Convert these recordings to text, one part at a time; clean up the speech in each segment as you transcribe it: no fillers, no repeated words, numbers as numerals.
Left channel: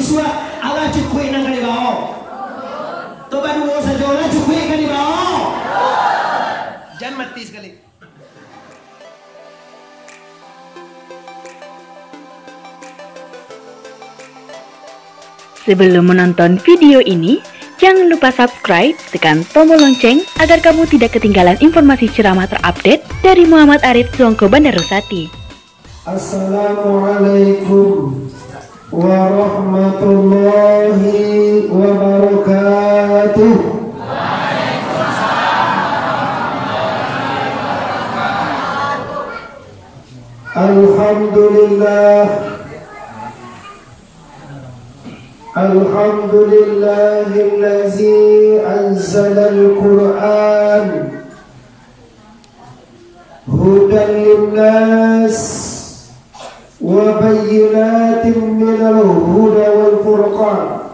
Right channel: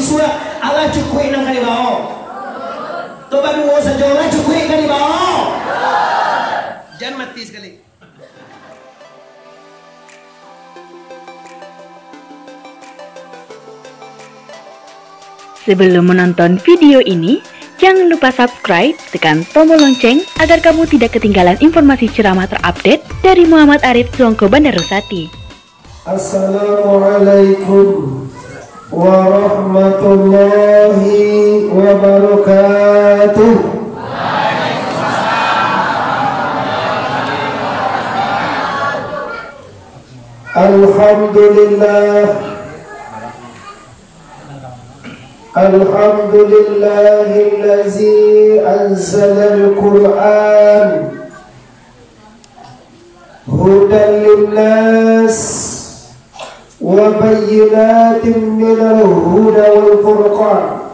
sua ala cukui nang kali bao. Toba dua saja ala cukui kali bao. Jangan mati sekali. Sebelum menonton video ini, jangan lupa subscribe, tekan tombol lonceng agar kamu tidak ketinggalan informasi ceramah terupdate dari Muhammad Arif Songko Bandarusati. Assalamualaikum warahmatullahi wabarakatuh. Alhamdulillah. Alhamdulillahillazi anzalal Qur'an hudan linnas wa bayyinatin minal huda wal furqan.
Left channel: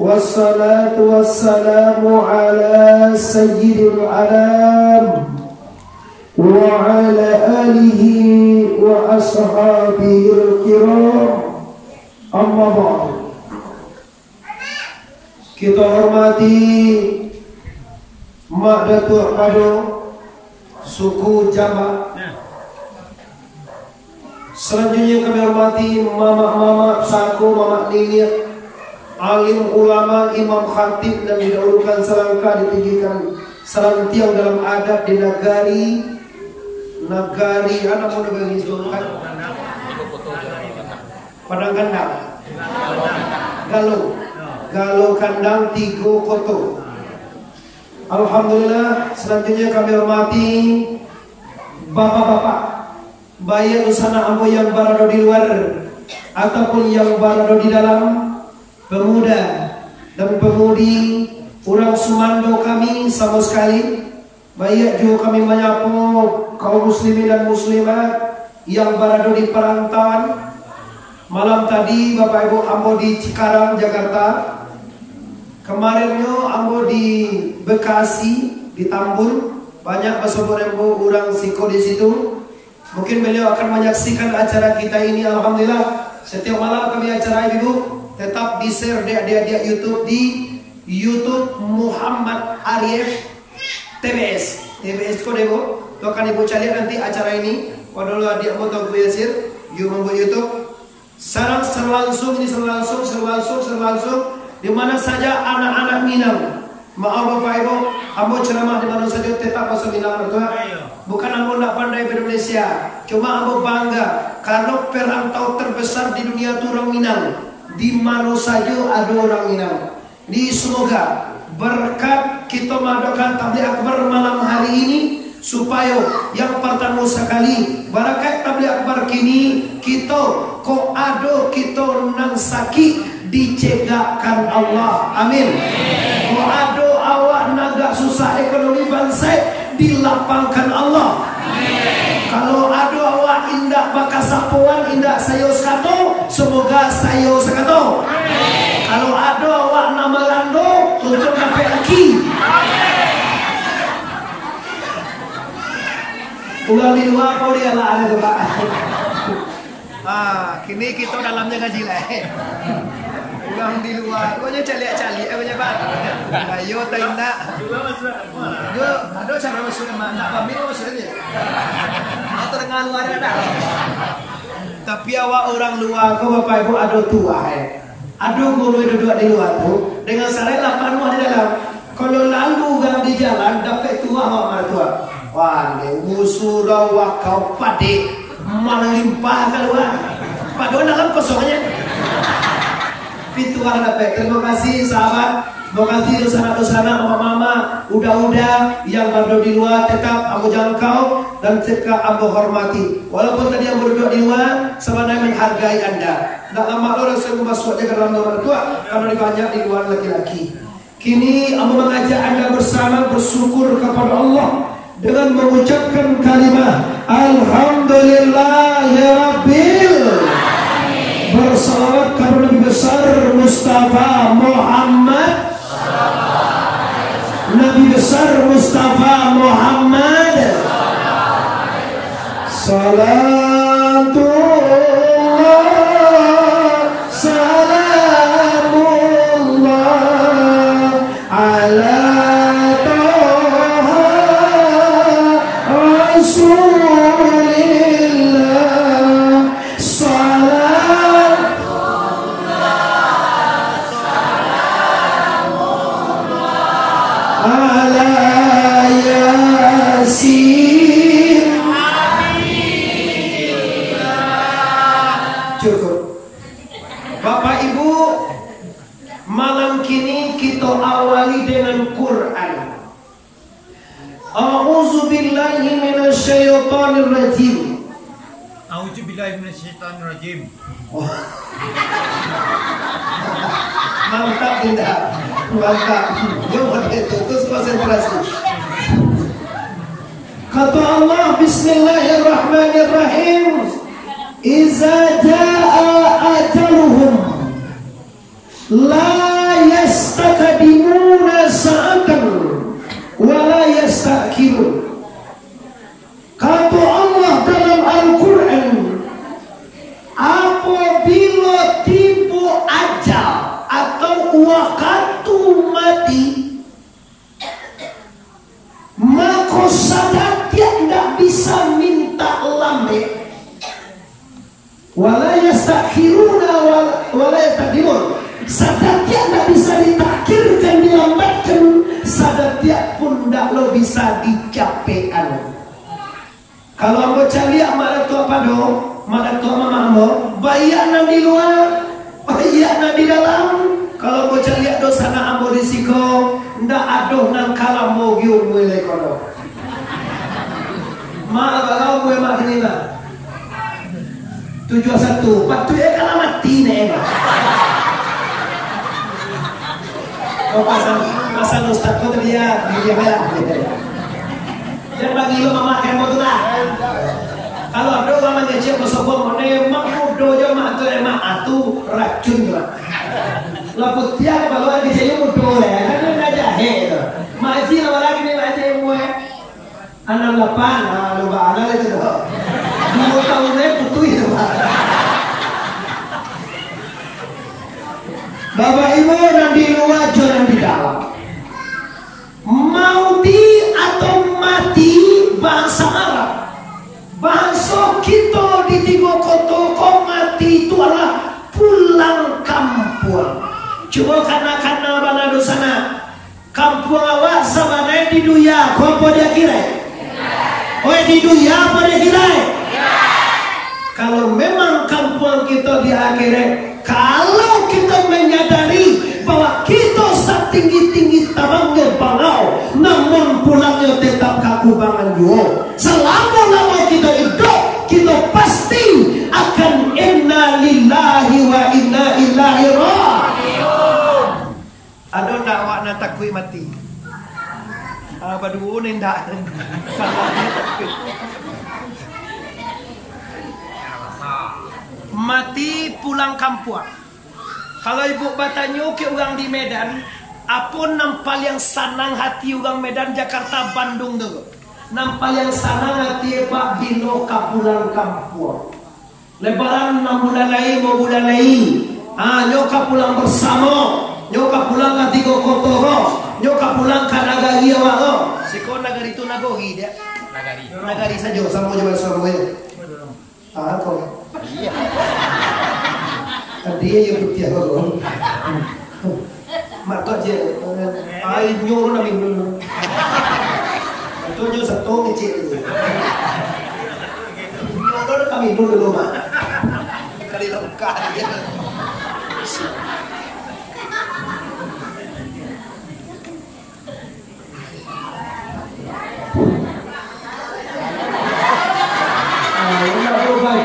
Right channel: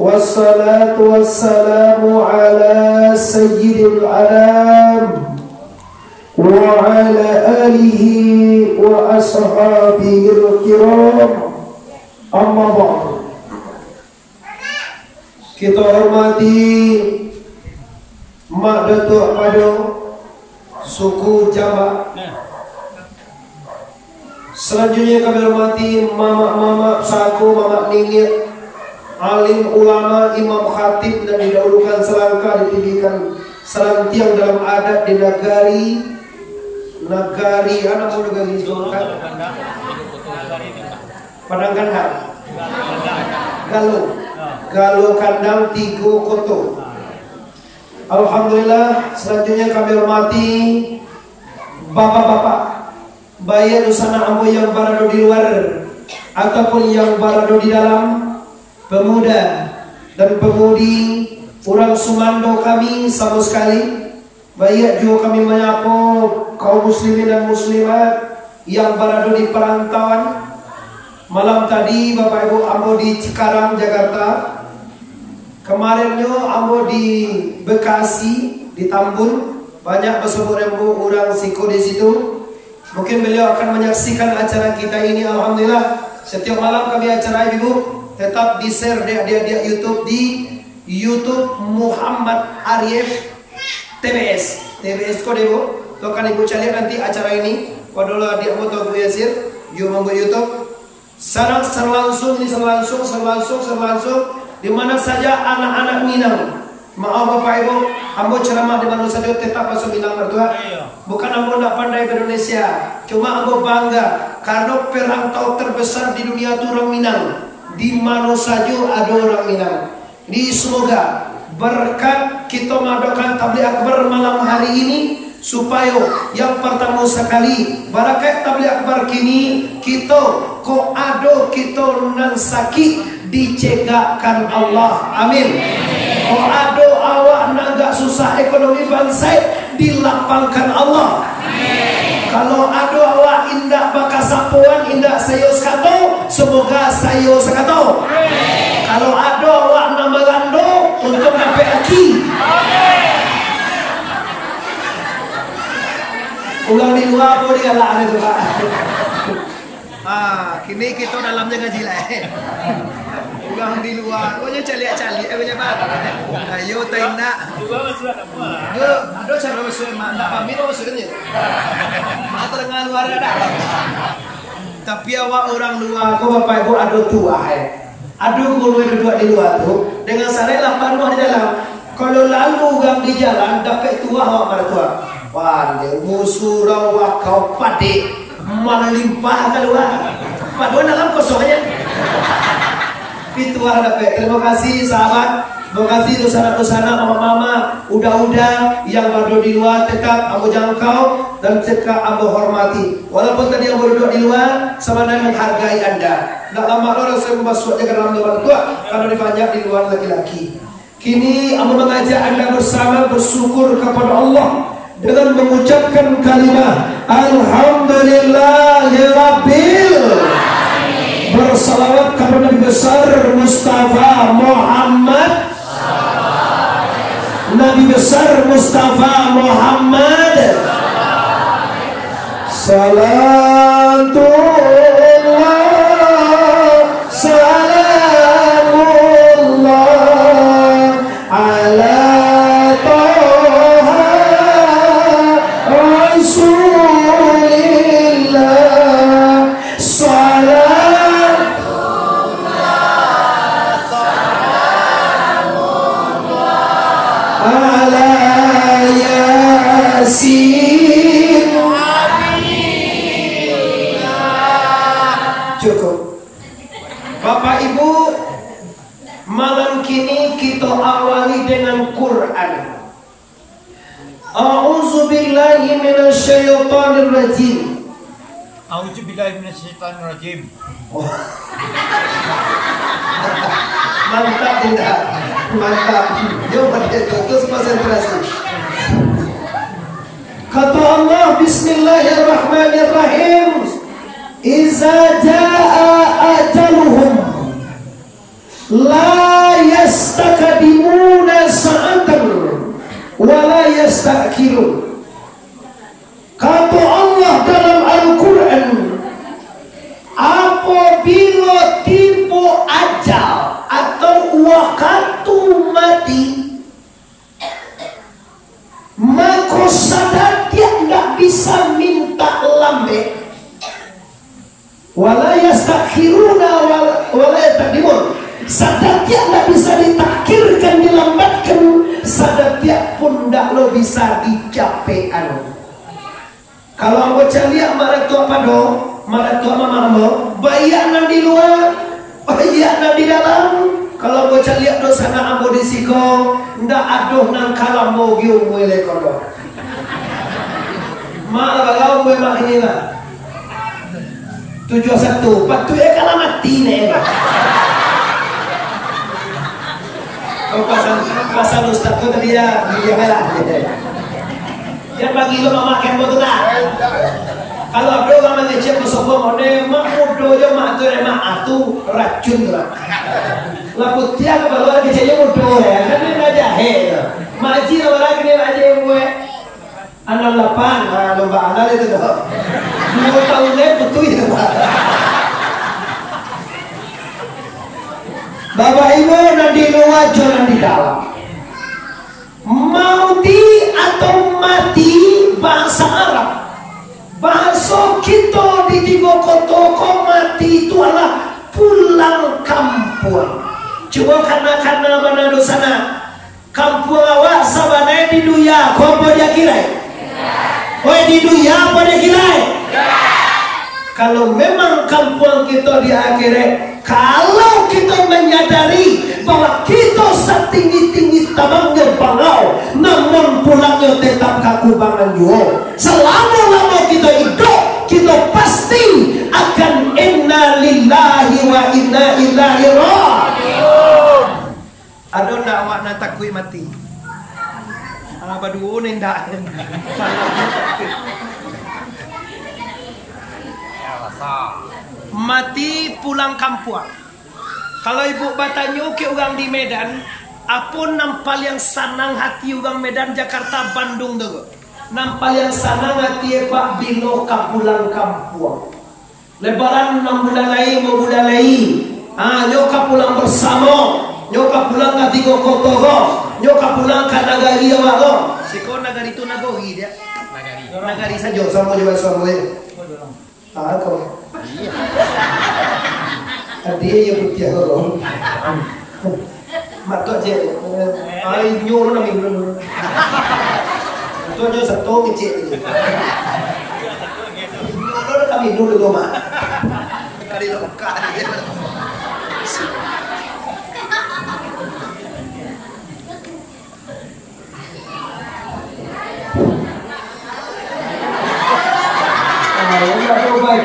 Wassalatu wassalamu ala sayyidil anam wa ala alihi wa ashabihil kiram. Amma ba'du. Kita hormati Mak Datuk Pado suku Jambak. Selanjutnya kami hormati mama-mama saku, mama nini, alim ulama, imam khatib, dan didahulukan selangkah ditinggikan selantiang dalam adat di negari anak mau negari kan? Padang Kandang, Galo Kandang, Tigo Koto. Alhamdulillah. Selanjutnya kami hormati bapak-bapak, bayi Nusana Ambo yang berada di luar ataupun yang berada di dalam, pemuda dan pemudi, orang Sumando kami sama sekali. Baik juga kami menyapa kaum muslimin dan muslimat yang berada di perantauan. Malam tadi Bapak Ibu ambo di Cikarang, Jakarta. Kemarinnya ambo di Bekasi, di Tambun. Banyak bersebut-rembu orang siko di situ. Mungkin beliau akan menyaksikan acara kita ini. Alhamdulillah. Setiap malam kami acara Ibu tetap di-share di adik-adik YouTube di YouTube Muhammad Arif TBS. TBS kode Ibu. Tuh kan Ibu cari nanti acara ini. Waduh adik mau tahu Yasir, yuk membuat YouTube. Sekarang serlangsung di mana saja anak-anak Minang. Maaf Bapak Ibu, ambo ceramah di mana saja tetap masuk Minang mertua. Bukan ambo nak pandai Indonesia, cuma ambo bangga karena perantau terbesar di dunia itu orang Minang. Di mana saja ada orang Minang. Jadi semoga berkat kita mengadakan tabligh akbar malam hari ini, supaya yang pertama sekali barakat tabligh akbar kini kita ko ado kita nan sakit dicegahkan Allah. Amin. Ko ado awak naga susah ekonomi bangsa dilapangkan Allah. Amin. Kalau ado awak indak baka sapuan indak sayo sekato, semoga sayo sekato. Amin. Kalau ado awak nama rando untuk dapat laki. Amin. Ulang di luar pun dia lah ada juga. Kini kita dalamnya ngaji lah. Ulang di luar, kau nya cali, aku nya bang. Ayo taina. Yo, ada cara masuk mak, tak pamit masuknya. Mak terengah luar ada. Tapi awak orang luar, kau bapak ibu ada tua. Aduh guru duduk di luar tu dengan sarai 8 di dalam. Kalau lalu gang di jalan dapat tua awak mertua. Wande musura wakau pade melimpah keluar. Paduan dalam kosongnya. Pituah dapat. Terima kasih sahabat. Terima kasih dosana-dosana mama-mama, udah-udah yang berada di luar tetap ambo jangkau dan tetap ambo hormati. Walaupun tadi yang berduduk di luar sebenarnya menghargai Anda. Tidak lama orang saya membasuh aja ke dalam luar tua karena dibanyak di luar laki-laki. Kini ambo mengajak Anda bersama bersyukur kepada Allah dengan mengucapkan kalimat Alhamdulillahirabbil alamin. Bersalawat kepada Nabi besar Mustafa Muhammad. Nabi besar Mustafa Muhammad. Salatullah Bapak Ibu, malam kini kita awali dengan Quran. A'udzubillahi minasyaitonirrajim. A'udzubillahi minasyaitonirrajim. Mantap tidak? Mantap. Coba terus konsentrasi. Kata Allah, Bismillahirrahmanirrahim. Iza jaa ajaluhum la yastakdimuna sa'atan wa la yastakhirun. Kata Allah dalam Al-Quran, apabila tiba ajal atau waktu mati, maka sadar dia tidak bisa minta lambe, wala yastakhiruna wala yatadimun. Sadar dia tidak bisa ditakhirkan, dilambatkan. Sadar dia pun tidak lo bisa dicapean. Kalau ambo cari mak tua pado, mak tua mama ambo, bayanan di luar, bayanan di dalam. Kalau ambo cari dosa na ambo di siko, ndak aduh nang kalambo giu mulai kono. Malah bagau gue mak ini mah. 71, patu ya kalau mati nih. Oh pasal ustaz kau tadi ya, dia kalah. Jangan bagi lo memakan motor. Kalau ada orang mengecek bersobat mode, mak mudo aja mak tu emak atu racun tu lah. Laput tiang kalau lagi jadi mudo ya, kan dia nak jahe tu. Maji kalau lagi dia aja mue. 68, lomba anak itu tu. 2 tahun ni putui tu pak. Bapak Ibu dan di luar dan di dalam. Mauti atau mati bahasa Arab. Bahasa kita di tiga kota mati itu adalah pulang kampung. Coba karena mana dosana kampung awak sabana di duya, kau apa dia kira? Oh di duya apa dia kira? Kalau memang kampung kita di akhirat, kalau kita menyadari bahwa kita setinggi-tinggi tamangnya bangau, namun pulangnya tetap kakubangan juga. Selama-lama kita hidup, kita pasti akan inna lillahi wa inna ilaihi raji'un. Ada ndak awak nak takui mati? Apa dulu ni ndak? Salahnya takui. Mati pulang kampung. Kalau ibu bertanya ke orang di Medan, apa nampal yang senang hati orang Medan, Jakarta, Bandung tu? Nampal yang senang hati Pak Bilo pulang kampung. Lebaran 6 bulan lagi, mau bulan lagi. Nyoka pulang bersama, nyoka pulang ke tiga kota, nyoka pulang ke nagari awak. Siko nagari tu nagori dia. Nagari saja sama jalan sama dia. Kau. Iya. Dia yang putih kau. Mak tu aja. Ai nyuruh nak minum. Tu nyuruh satu kecil. Nyuruh kami minum dulu mak. Kali lokal aja.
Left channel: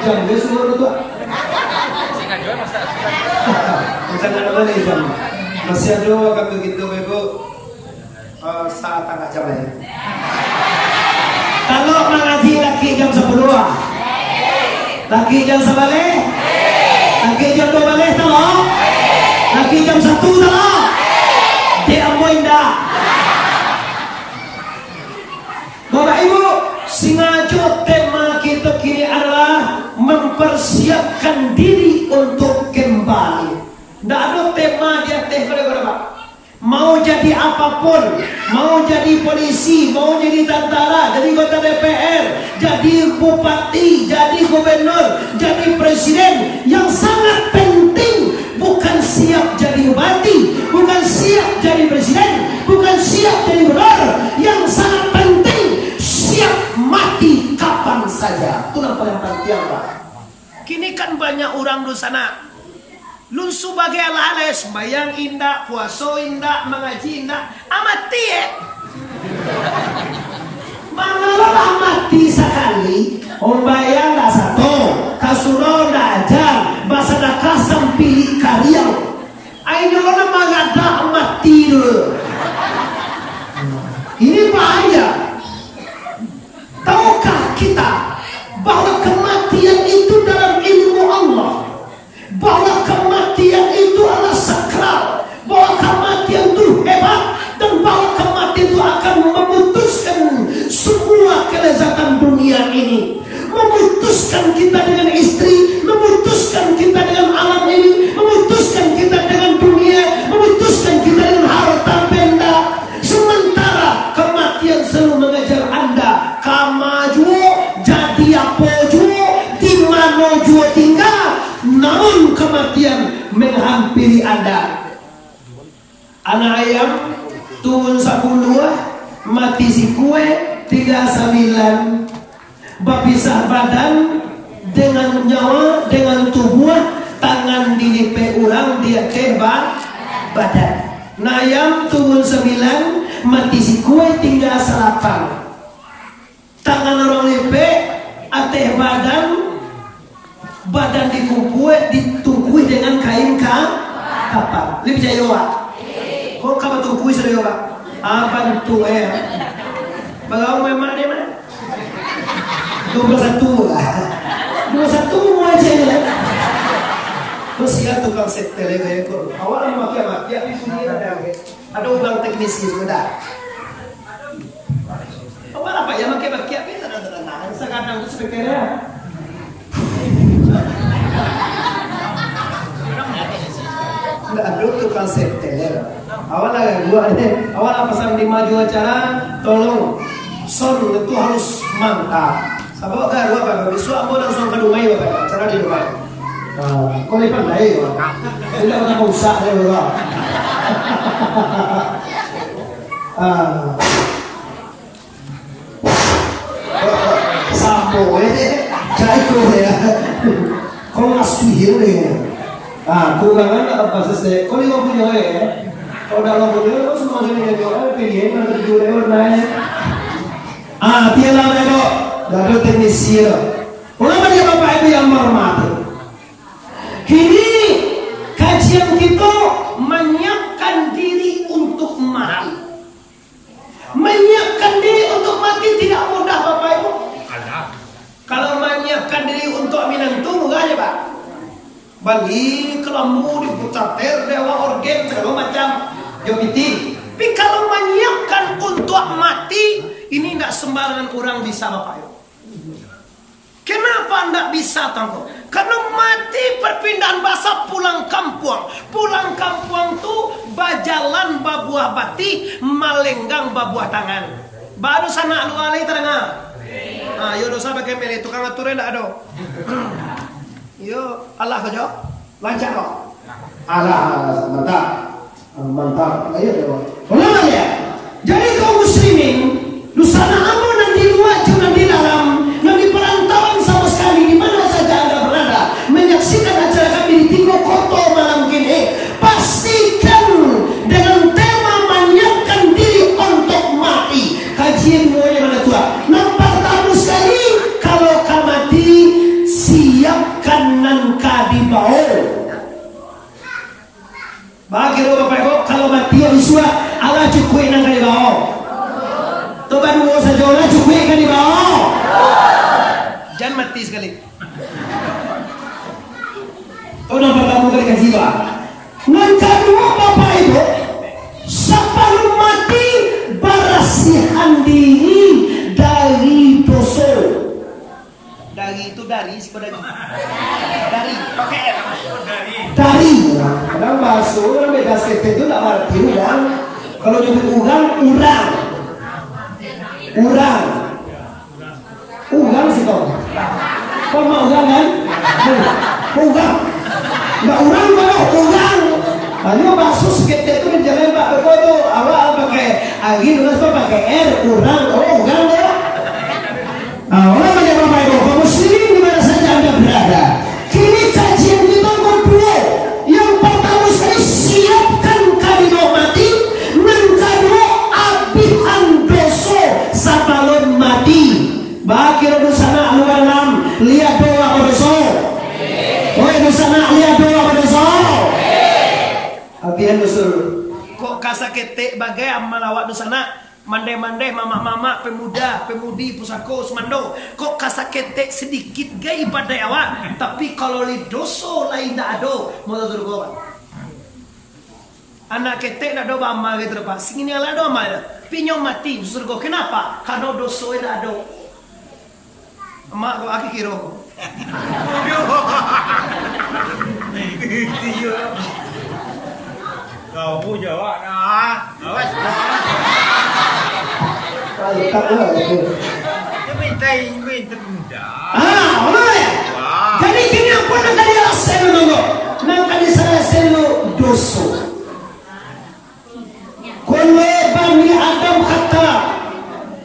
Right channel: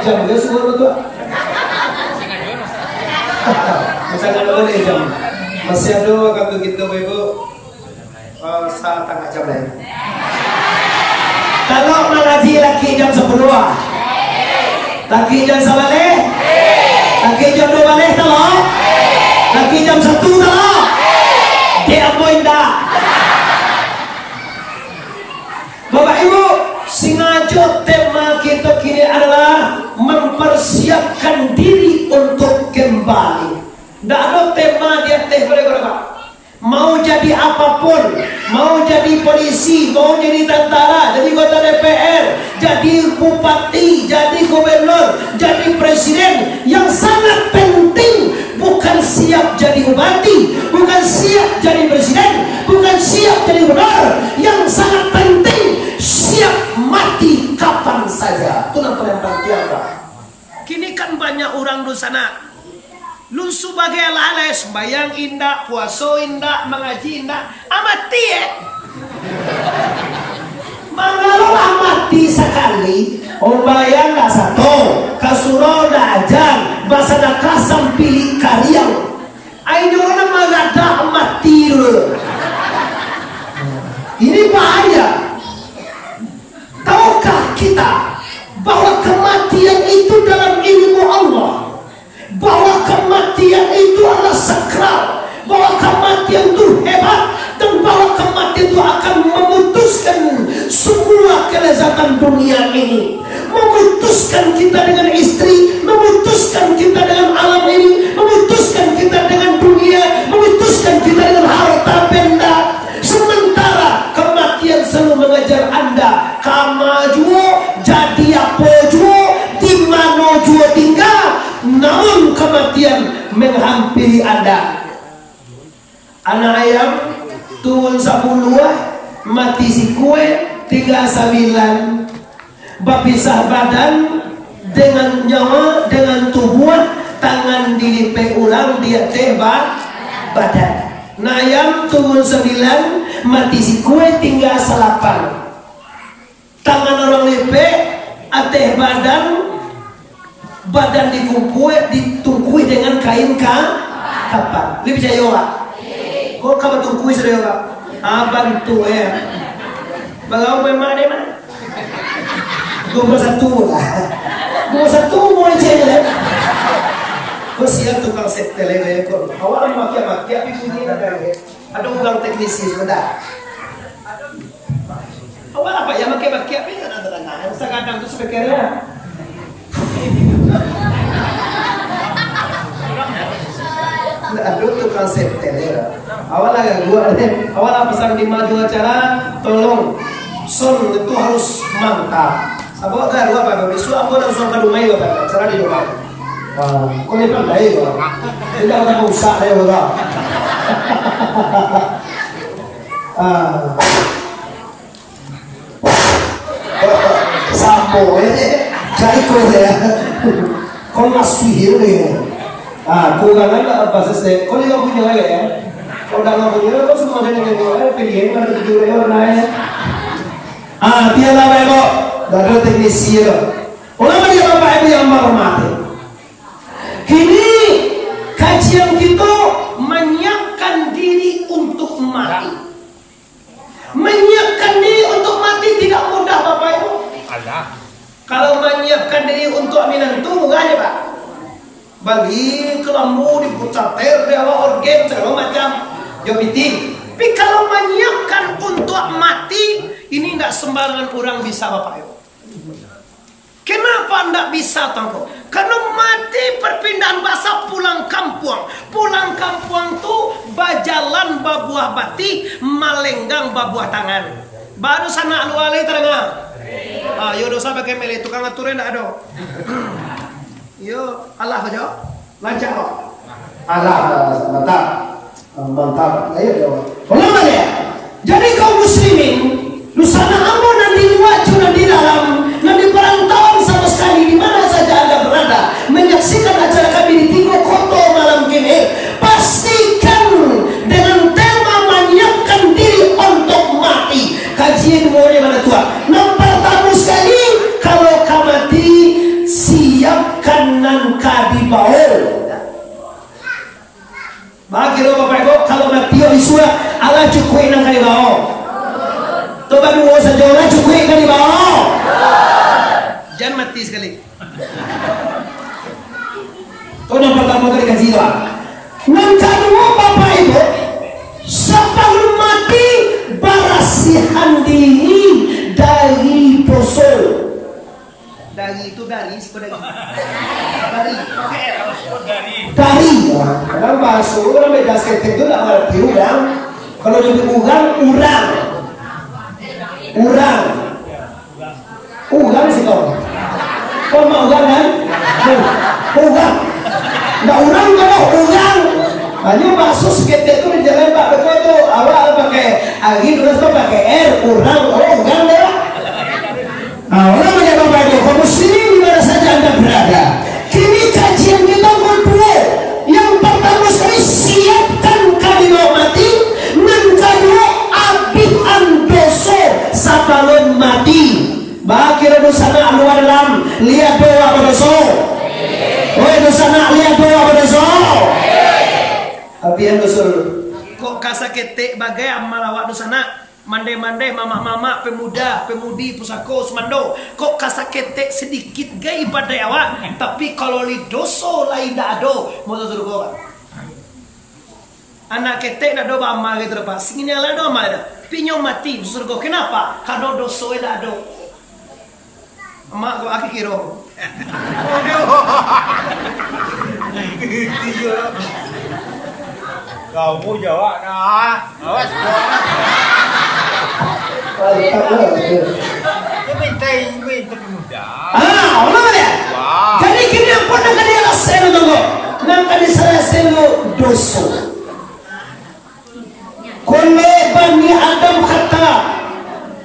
Jam dia semua tu. Sangat boleh jam. Masih ada waktu kita ibu. Saat tengah jam lain. Kalau mengaji laki jam 10. Laki jam 11. Laki jam 12 telok. Laki jam 1 telok. Dia ambo indah. Bapak Ibu, sengaja tema kita kini adalah mempersiapkan diri untuk kembali. Tidak ada tema dia teh boleh Pak. Mau jadi apapun, mau jadi polisi, mau jadi tentara, jadi anggota DPR, jadi bupati, jadi gubernur, jadi presiden, yang sangat penting bukan siap jadi bupati, bukan siap jadi presiden, bukan siap jadi gubernur. Yang sangat penting siap mati kapan saja. Itu yang paling penting Pak. Kini kan banyak orang di sana Lun sebagai ala-ala sembayang indah, puasa indah, mengaji indah, amati mengelola mati sekali, ombayang dah satu, kasuro dah ajar, bahasa dah kasam pilih kariau, ayo orang magada mati dulu. Ini bahaya. Tahukah kita bahwa kematian itu dalam ilmu Allah, bahwa kematian itu adalah sakral, bahwa kematian itu hebat, dan bahwa kematian itu akan memutuskan semua kelezatan dunia ini, memutuskan kita dengan istri, memutuskan kita dengan alam ini, memutuskan kita dengan dunia, memutuskan kita dengan harta benda. Sementara kematian selalu mengejar Anda, kamajuo jadi apa juo, di mana juo tinggal, namun kematian menghampiri Anda. Anak ayam turun 10, mati si kue tinggal 9. Berpisah badan dengan nyawa, dengan tubuh, tangan dilipat ulang dia tebak badan. Nayam turun 9, mati si kue tinggal 8. Tangan orang lipat, ateh badan, badan dikumpul, ditungkui dengan kain kapan. Lebih percaya wak? Kok kapan tungkui sudah wak? Bantu ya. Bagaimana memang deh mana? 21 lah. 21 mau aja ya. Kau siap tukang set tele gaya kau. Awak maki tapi sendiri ada ugang teknisnya sudah. Awak apa ya maki tapi ada sekadang tu sebeknya. Aduh tukang set tele. Awak agak gua deh. Awak apa pesan di maju acara, tolong son itu harus mantap. Sabok kan gua apa besok apa langsung ke rumah ya apa acara di rumah. Kau ni pandai kau. Tidak ada usaha ya kau. Sampo jai kau ya. Kau masih ni. Kau kan apa sih? Kau ni kau punya lagi ya. Kau dah kau punya kau semua jenis kau pilih mana tujuh orang naik. Piala baik. Ada teknisi ya. Ulama dia bapak ibu yang hormati. Kini kajian kita menyiapkan diri untuk mati. Menyiapkan diri untuk mati tidak mudah bapak ibu. Kalau menyiapkan diri untuk aminan itu mudah aja pak. Bagi kelambu diputar dewa organ segala macam jopitin. Tapi kalau menyiapkan untuk mati ini tidak sembarangan orang bisa bapak ibu. Kenapa tidak bisa tangko? Karena mati perpindahan bahasa pulang kampung. Pulang kampung tu bajalan babuah bati, malenggang babuah tangan. Baru sana alu-alai terengah. Yo dosa pakai mele tukang aturan tidak ada. Yo Allah saja lancar loh. Allah mantap. Mantap. Ayo dong. Ulama dia. Jadi kaum muslimin lusana ambo dan di luar dan di dalam dan di perantauan sama sekali di mana saja Anda berada menyaksikan acara kami di Tigo Koto malam kini, pastikan dengan tema menyiapkan diri untuk mati. Kajian maunya mana tua? Nampak tamu sekali kalau kamati siapkan nangka di bawah. Bagi bapak ibu kalau mati isua Allah cukup nangka di bawah. Coba dulu saja lah cukup kan di bawah. Jangan mati sekali. Kau nampak kamu kali kaji pak. Nangka dua bapak ibu sebelum mati barasihan diri dari dosa. Dari itu dari pakai R. Dari. Kadang bahasa orang beda sekali itu tak arti urang. Kalau dia urang. Ugang sih kau. Kau mau ugang kan? Ugang. Nggak urang kalau ugang. Hanya masuk seketik itu dijalan pak betul tu. Awal pakai angin terus kau pakai R. Urang. Ugang deh. Orang banyak bapak ibu. Kaum muslimin di mana saja Anda berada. Kini kajian kita berdua. Yang Pian dosul. Kok kasakete bagai amal awak dosana. Mande-mande mama-mama pemuda, pemudi pusako semando. Kok kasakete sedikit gay pada awak. Tapi kalau li doso lain dak ado. Mau tahu dulu anak kete nak do amal gitu Pak. Singin yang lain do amal dah. Pinyo mati surga. Kenapa? Karena doso dak ado. Emak kau aki kiro. Kau mau jawab nah. Awas. Minta pemuda. Allah ya. Jadi kini apa nak dia asal tunggu. Nak dia salah selu doso. Kullu bani Adam khata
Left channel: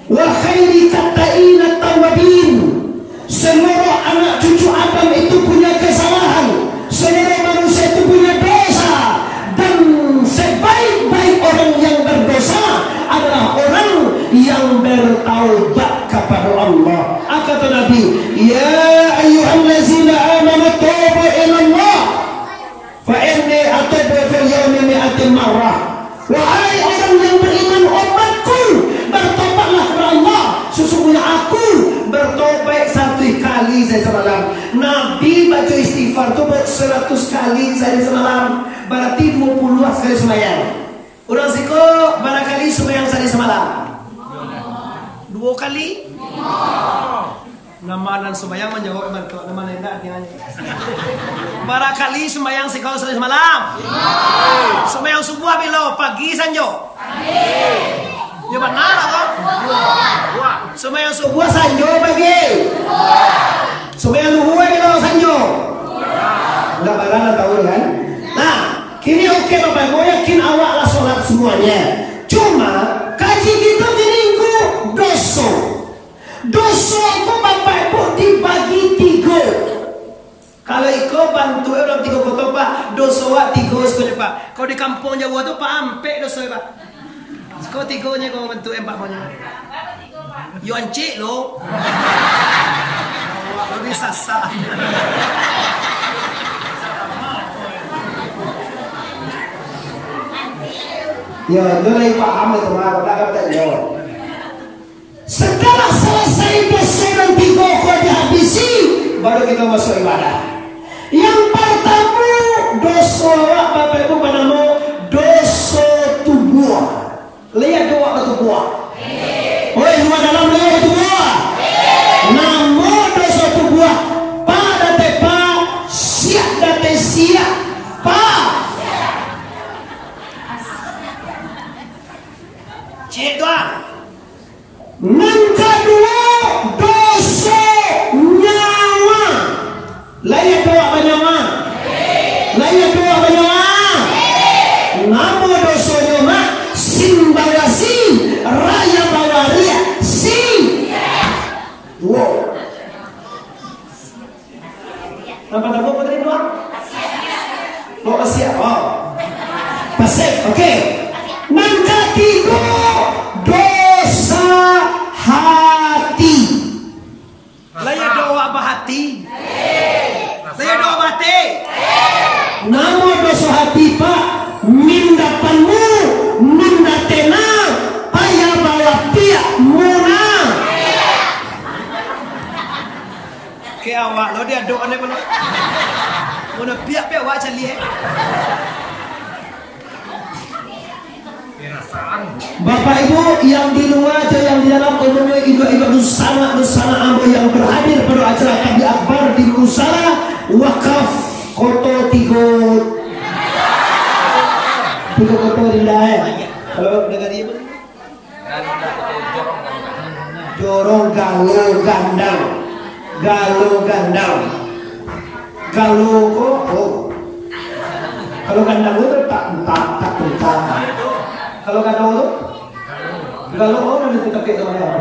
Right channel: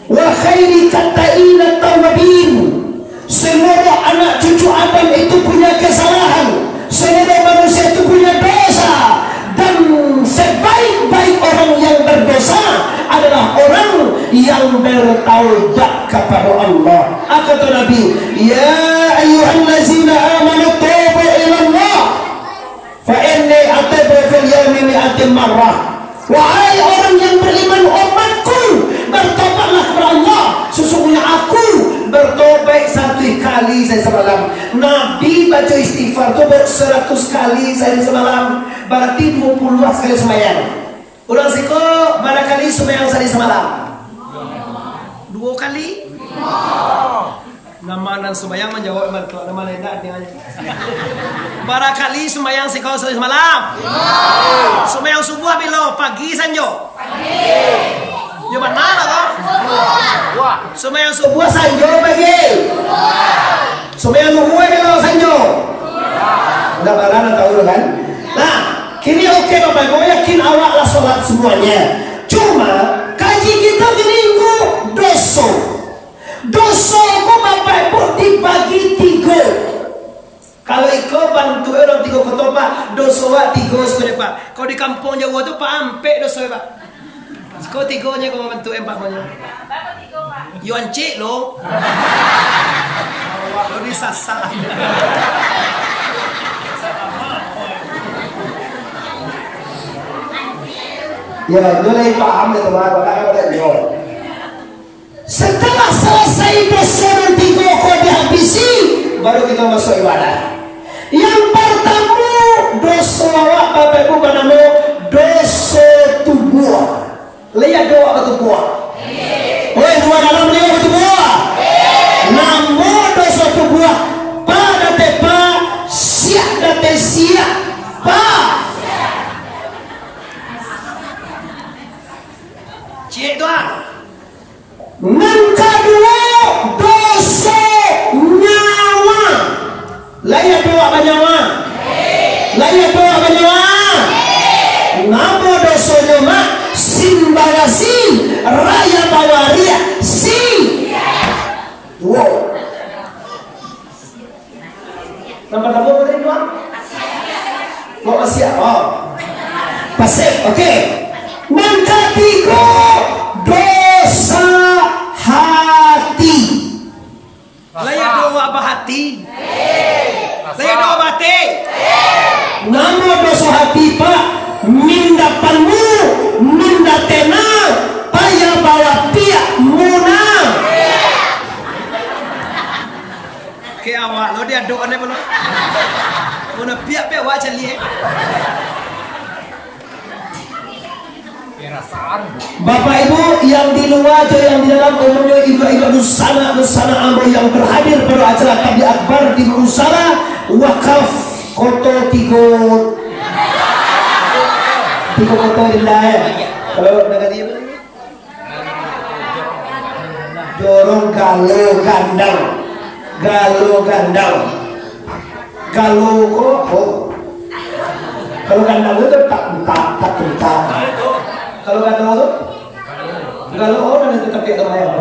wa khairi kata'ina tawabin. Seluruh anak cucu Adam itu punya kesalahan. Seluruh manusia itu punya dosa. Dan sebaik-baik orang yang berdosa adalah orang yang bertaubat kepada Allah. Kata Nabi, ya ayyuhallazina amanu tubu ila Allah fa inni atubu fil yawmi mi'atin marrah. Wahai orang yang beriman, umatku, bertobatlah kepada Allah. Sesungguhnya aku bertobat 1 kali saya semalam. Nabi baca istighfar itu 100 kali saya semalam. Berarti 20 kali sembahyang. Orang siko barangkali sembahyang saya semalam 2 kali. Nama dan sembahyang menjawab iman kalau nama lain tak artinya. Barangkali sembahyang siko saya semalam. Sembahyang subuh bila pagi sanjo. Ya benar atau? Sembahyang subuh sanjo pagi. Sembahyang subuh bila sanjo. Udah barang tahu kan? Nah, kini oke Bapak, gue yakin awak lah sholat semuanya. Cuma kaji kita minggu doso. Doso ku Bapak Ibu dibagi 3. Kalau iko bantu orang 3 kotopa, doso wa 3 sekolah Pak. Kau di kampung Jawa tu Pak ampe doso Pak. Kau 3-nya kau bantu 4-nya. Yo ancik lo. Awak lo disasar. Ya, mulai paham ya teman, makanya ada jawab. Setelah selesai dosa dan 3 kau dihabisi, baru kita masuk ibadah. Yang pertama dosa awak Bapak Ibu bernama dosa tubuh. Lihat doa apa tubuh? Oi, dua dalam lihat tubuh. Namo dosa tubuh. Pada tepa siap date siap pa. Cik doa. Yang kedua dosa nyawa. Layak doa apa nyawa? Layak doa apa nyawa? Namo dosa nyawa simbawasi raya bawaria si. Wow. Nampak apa tadi doa? Lo masih apa? Pasif, oke. Yang ketiga dosa hati. Layak doa apa hati? Layak doa apa hati? Nama dosa hati Pak. Mindapanmu mindatena paya bawa tiak muna. Ke awak lo dia doa ni belum? Muna piak-piak awak cali Bapak Ibu yang di luar atau yang di dalam umumnya ibu-ibu Nusana Ambo yang berhadir pada acara tabligh akbar di Musala wakaf koto 3 koto di lain. Kalau negara dia apa? Dorong galo gandang. Galo kok. Kalau gandang itu tak. Kalau galo itu? Galo orang itu tak kita bayar.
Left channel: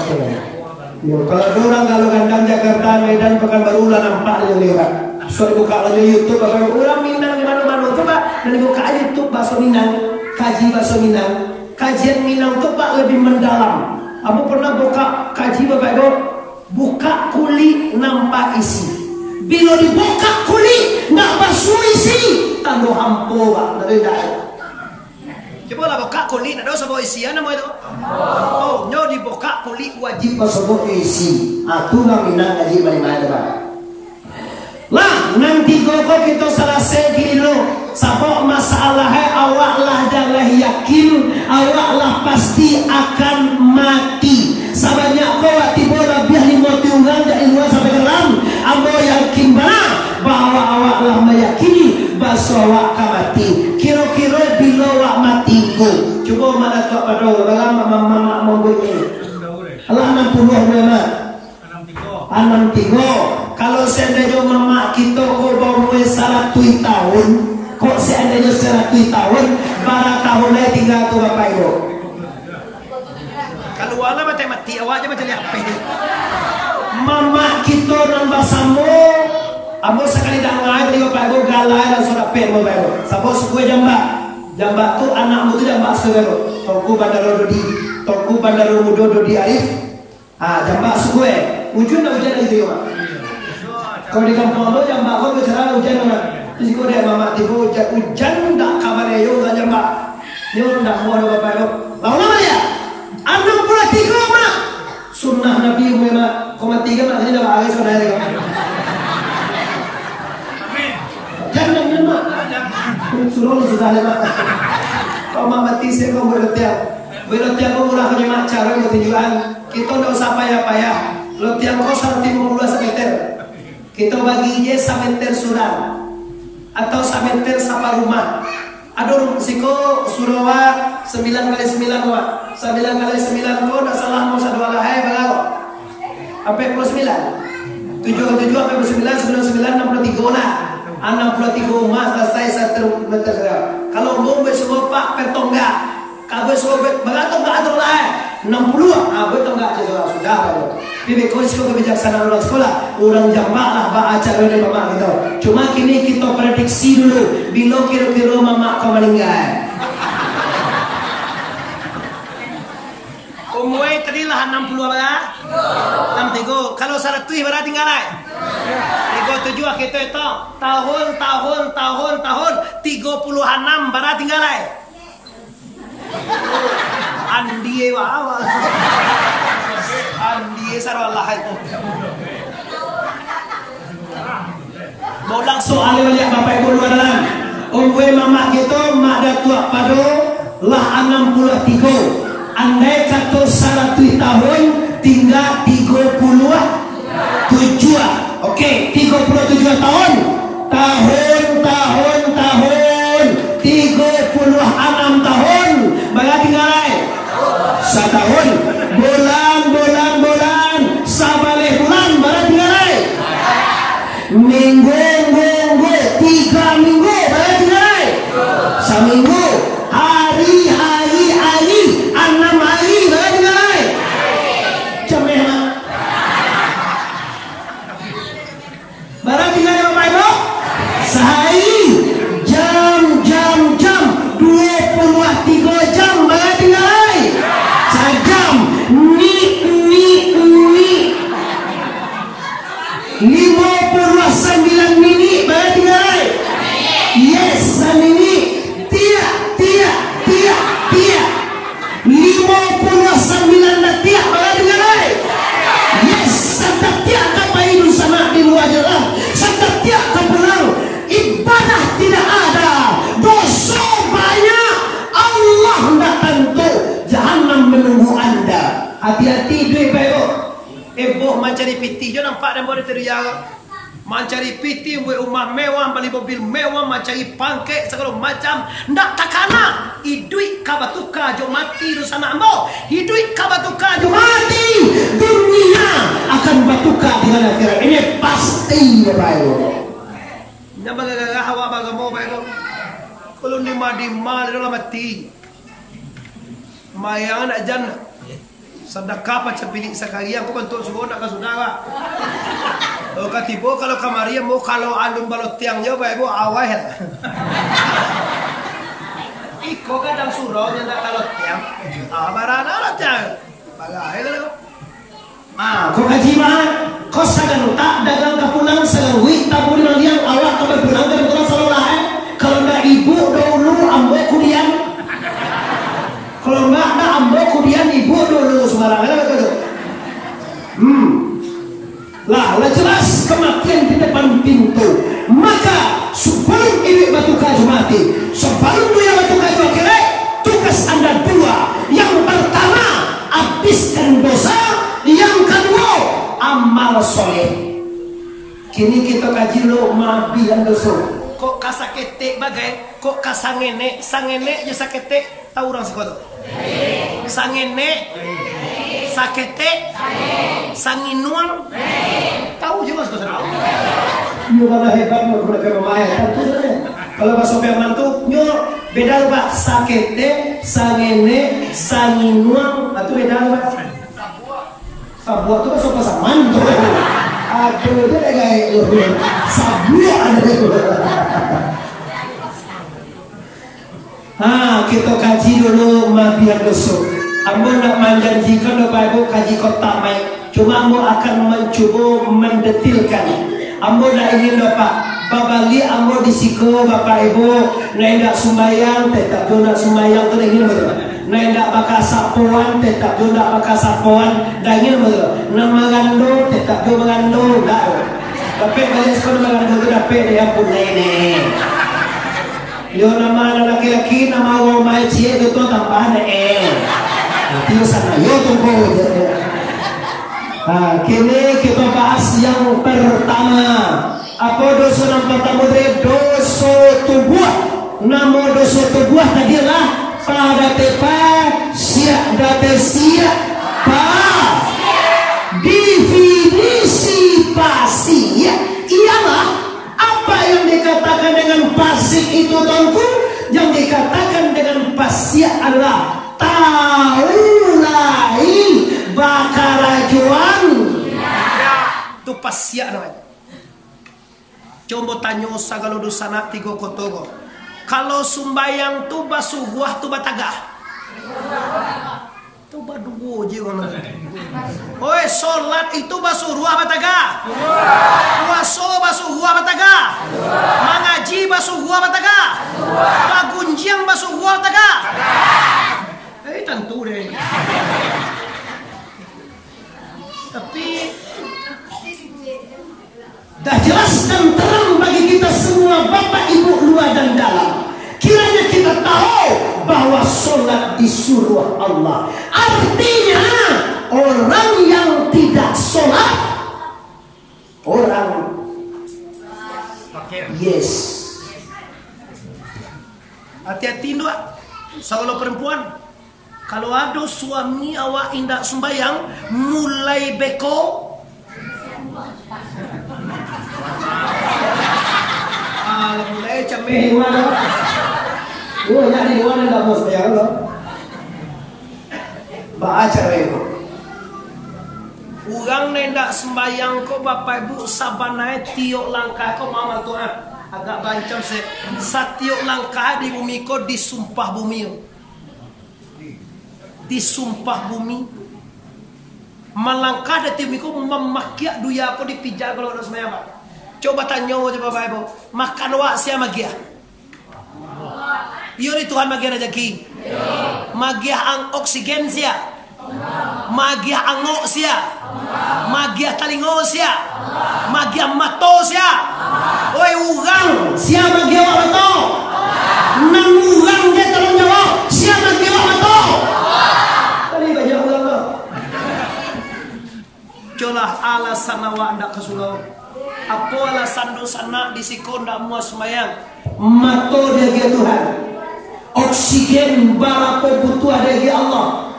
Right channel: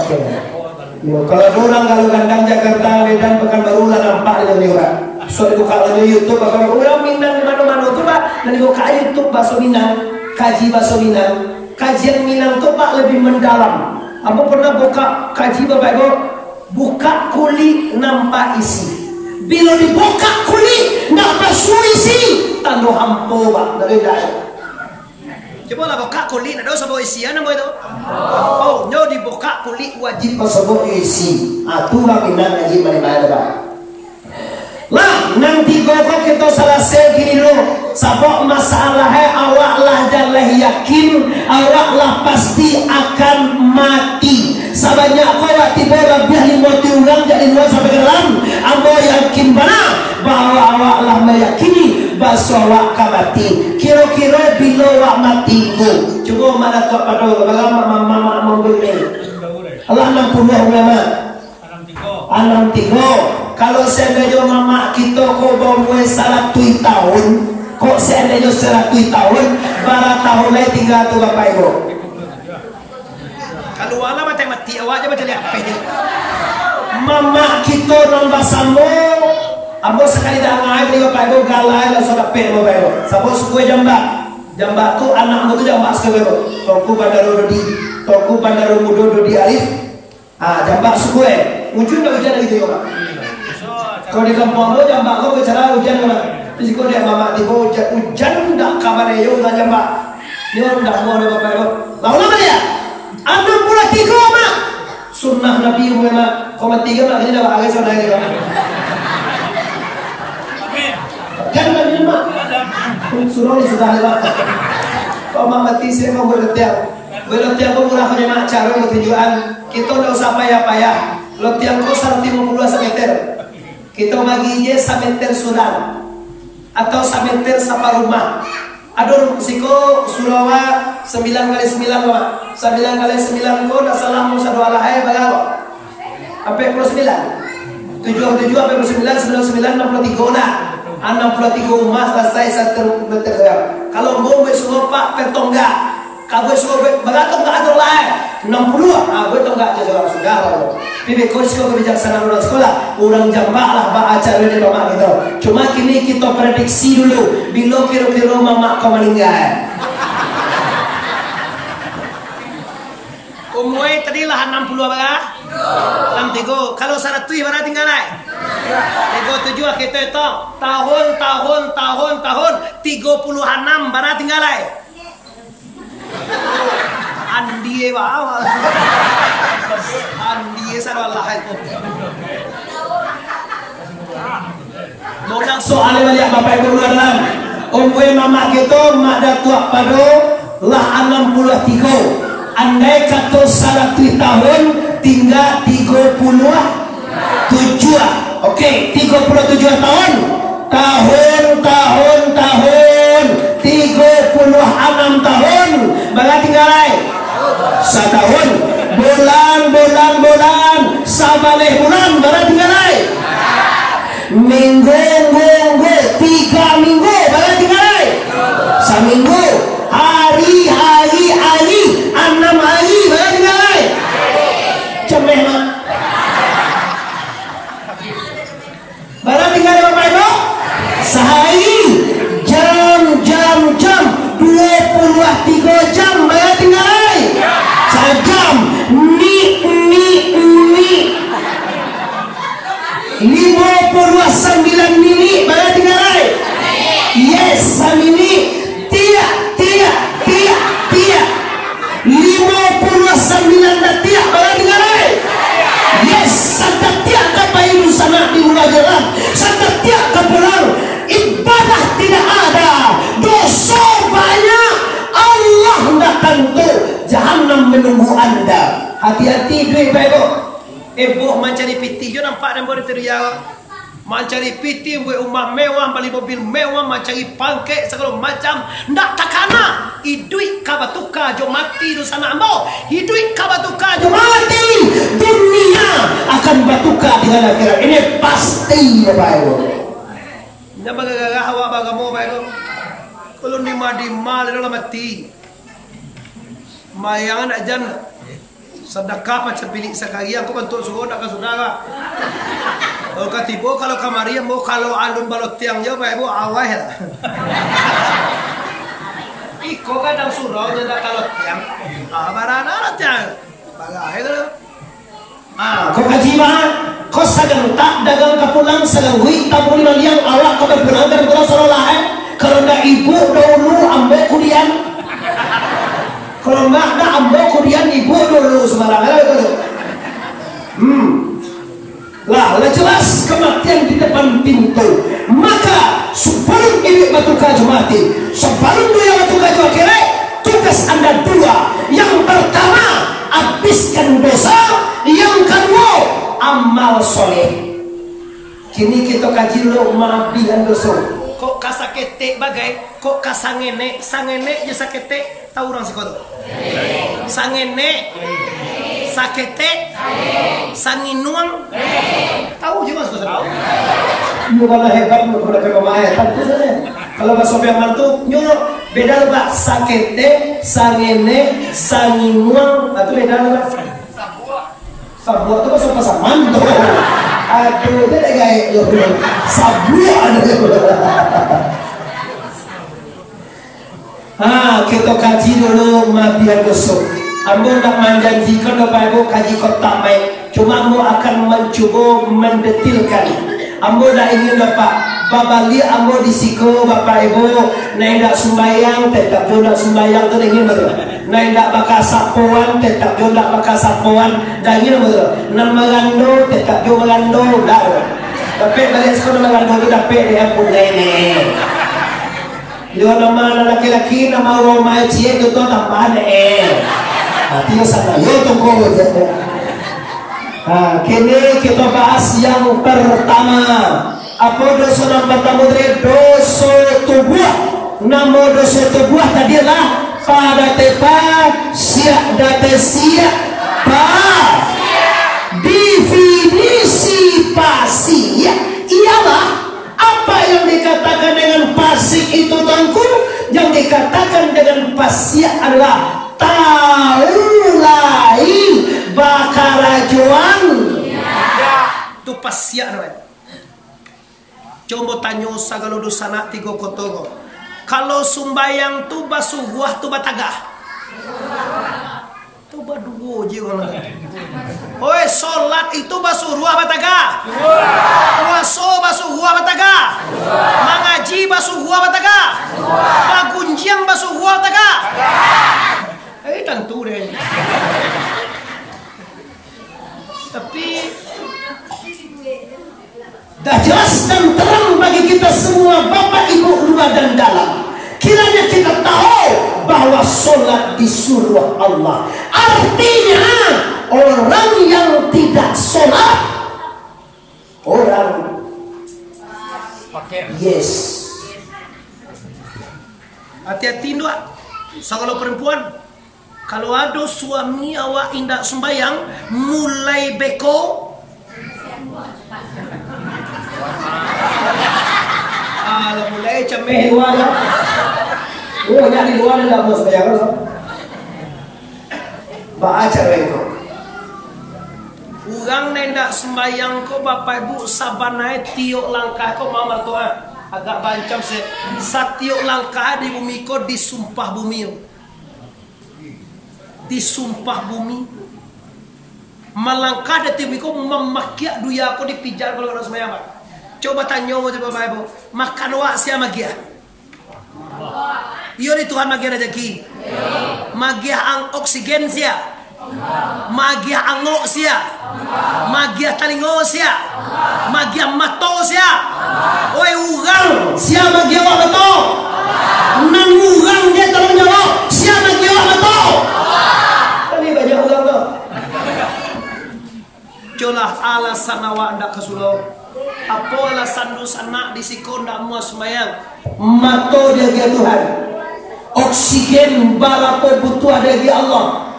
Yo, kalau orang galo gandang Jakarta, Medan, Pekanbaru lah nampak dia orang. So itu kalau di YouTube akan orang Minang di mana-mana tu Pak, dan buka YouTube bakso Minang, kaji bakso Minang, kajian Minang tu Pak lebih mendalam. Apa pernah buka kaji Bapak Ibu? Buka kulit nampak isi. Bila dibuka kulit nampak isi, tanda hampo Pak dari daerah. Coba lah buka kulit, ada sebab isian nama itu. Oh, nyo dibuka kulit wajib sebut isi. Atuh minang ngaji mana-mana Pak. Lah nanti kok kita selesai gini dulu. Sabok masalahnya awak lah jangan yakin awak lah pasti akan mati. Sebanyak kau tiba lebih 50 orang jadi luar sampai dalam. Ambo yakin mana bahwa awak lah meyakini bahwa awak akan mati. Kira-kira bila awak mati ku. Coba mana kau pada mama boleh. Allah 60 ulama. 63. Kalau seandainya mama kita kau bawa 100 tahun, kok seandainya 100 tahun, berapa tahun lagi tinggal tu bapak ibu? Kalau wala mati awak je macam apa? Mama kita nambah samo, ambo sekali dah ngai beli bapak ibu galai dan sodak pe bapak ibu. Sabo suku jamba tu anakmu tu jamba sekali ibu. Toko Bandaro Dodi, Toko Bandaro Mudo Dodi Arif. Jamba suku ujun dah hujan lagi tu ya. Kalau di kampung lo jamba kau bicara hujan mana? Jadi kau dia mama tiba hujan dah kabar yo dah jamba. Ni orang dah mau ada bapak ibu. Lalu apa dia? 63 mak. Sunnah Nabi Muhammad. Kau mati ke mak ini dah bagai saudara dia. Jangan mak. Suruh ni sudah lewat. Kau mak mati saya kau boleh tiang. Boleh tiang kau murah kau mak cara mau tujuan. Kita dah usah payah-payah. Lo tiang kau 150 meter. Kita bagi je sameter suram atau sameter sapa rumah. Aduh siko Surawa 9x9 Pak. 9x9 kau dah salah mau satu alahai bagaimana? Apa 9? 7 apa 9 63 nah. 63 emas selesai 1 meter. Kalau mau semua Pak pertonggak. Kau semua bagaimana enggak ada lah. 60 gue tonggak aja sudah lah. Bibi kau kebijaksanaan orang sekolah, orang jambak lah baca dia mama gitu. Cuma kini kita prediksi dulu, bila kira-kira mama kau meninggal. Umwe tadi lah 60 apa? 63. Kalau 100 berapa tinggal lah? 37 kita itu tahun 36 berapa tinggal lah? Andi awal. Andi sarwallah itu. Mau langsung alih balik bapak ibu luar dalam. Umwe mama kita mak dah tua padu lah 63. Andai kata 100 tahun tinggal 37. Okey, 37 tahun. Tahun 36 tahun. Berapa tinggal ai? Setahun. Bulan. Sabaleh bulan. Berapa tinggal ai? Minggu. 3 minggu. Berapa tinggal ai? Seminggu. Hari. 6 hari. Berapa tinggal ai? Cemeh mak. Berapa tinggal ai bapak ibu? Sehari. Jam. 23 jam. Berapa tinggal ai? Sejam. Ni 59 minit. Berapa tinggal ai? Yes, minit. Tiap 59 detik. Berapa tinggal ai? Yes, sedetik ke bayi sana di luar jalan. Sedetik ke pulang. Ibadah tidak ada. Dosa banyak. Allah tidak tentu. Jahannam menunggu anda. Hati-hati duit baik. Boh mencari piti jo nampak dan boleh teriak. Mencari piti buat rumah mewah, beli mobil mewah, mencari pangkek segala macam. Ndak takana. Idui kabatuka jo mati di sana ambo. Idui kabatuka jo Mati. Dunia akan batuka dengan akhirat. Ini pasti baik. Nyamba gagah awak bagamo baik. Kalau ni madi mal dalam mati. Mayangan ajan. Sedekah macam bilik sekali aku bentuk suruh nak ke saudara. Kalau katibo kalau kamari mau kalau alun balot tiang je baik bu awal lah. Iko kadang suruh nyendak kalau tiang. Barana lah tiang. Bagai kalau. Kau kaji mah, kau sagang tak dagang kapulang sagang wik tak boleh liang awak kau berpulang dari pulau Sololah. Kalau dah ibu dulu ambil kuliah. kiri batu kaju mati. Sebelum dia batu kaju kiri, tugas Anda dua. Yang pertama, habiskan dosa. Yang kedua, amal soleh. Kini kita kaji lo mabihan dosa. Kok kasakete bagai, kok kasangene, sangene je sakete, tahu orang sekolah. Sangene, sakete, sanginuang, tahu juga sekolah. Bukan hebat mereka pemain, tentu saja. Kalau bahasa yang mantu, nyok beda loh pak. Sakete, sangene, sanginuang, itu beda loh pak. Sabua itu bahasa mantu. Aduh, dia dah gaya sabuan. Kita kaji dulu mabian dosa. Ambo nak menjanjikan Bapak Ibu kaji kota mai. Cuma ambo akan mencoba mendetilkan. Ambo dah ingin Bapak babali ambo disiko Bapak Ibu. Nai dak sumayang, tetap jo dak sumayang tu ingin betul. Nai dak bakal sapuan, tetap jo dak bakal sapuan. Dah ingin betul. Nan magando, tetap jo magando. Dak. Bapak balik sekolah magando tu dapat dia pun ini. Yo nama laki-laki nama Roma cie itu tu tambah deh. Nanti yo sana yo tunggu aja. Kini kita bahas yang pertama. Apa dosa yang pertama dari dosa tubuh. Nama dosa tubuh tadi lah pada tepat siap data siap pa. Definisi pasi ialah apa yang dikatakan dengan pasik itu tangku. Yang dikatakan dengan pasik adalah taulai bakarajuan. Itu pasik namanya. Coba tanya sagalo dosana tiga kotogo. Kalau sumbayang tu basuh tu batagah. Tu badugo je orang. Oi, solat itu basuh ruah batagah. Puasa basuh ruah batagah. Mengaji basuh ruah batagah. Bagunjiang basuh ruah batagah. Tentu deh. Tapi dah jelas dan terang bagi kita semua Bapak Ibu luar dan dalam. Kiranya kita tahu bahwa sholat disuruh Allah. Artinya orang yang tidak sholat, orang yes. Hati-hati doa. Kalau perempuan, kalau ada suami awak indak sembayang, mulai beko. Mulai cameh wala. Nyari luar dah bos bayar lo. Baca itu. Urang nendak sembayang ko Bapak Ibu sabanai tiok langkah ko mau mertua. Agak bancam se. Satiok langkah di bumi ko disumpah bumi. Disumpah bumi. Melangkah di bumi ko memakiak duya ko dipijar kalau nak sembayang Pak. Coba tanya Bapak Ibu, makan wak siapa magia? Iyo ni Tuhan magia rezeki. Magia ang oksigen sia. Magia angok sia. Magia talingo sia. Magia mato sia. Oi urang sia magia wak mato. Nan urang dia tolong jawab sia magia wak mato. Kali banyak urang tu. Jolah alasan awak ndak ke surau. Apa alasan dosa nak disiko ndak muas sembayang? Mato dia Tuhan. Oksigen balapo butuh dia Allah.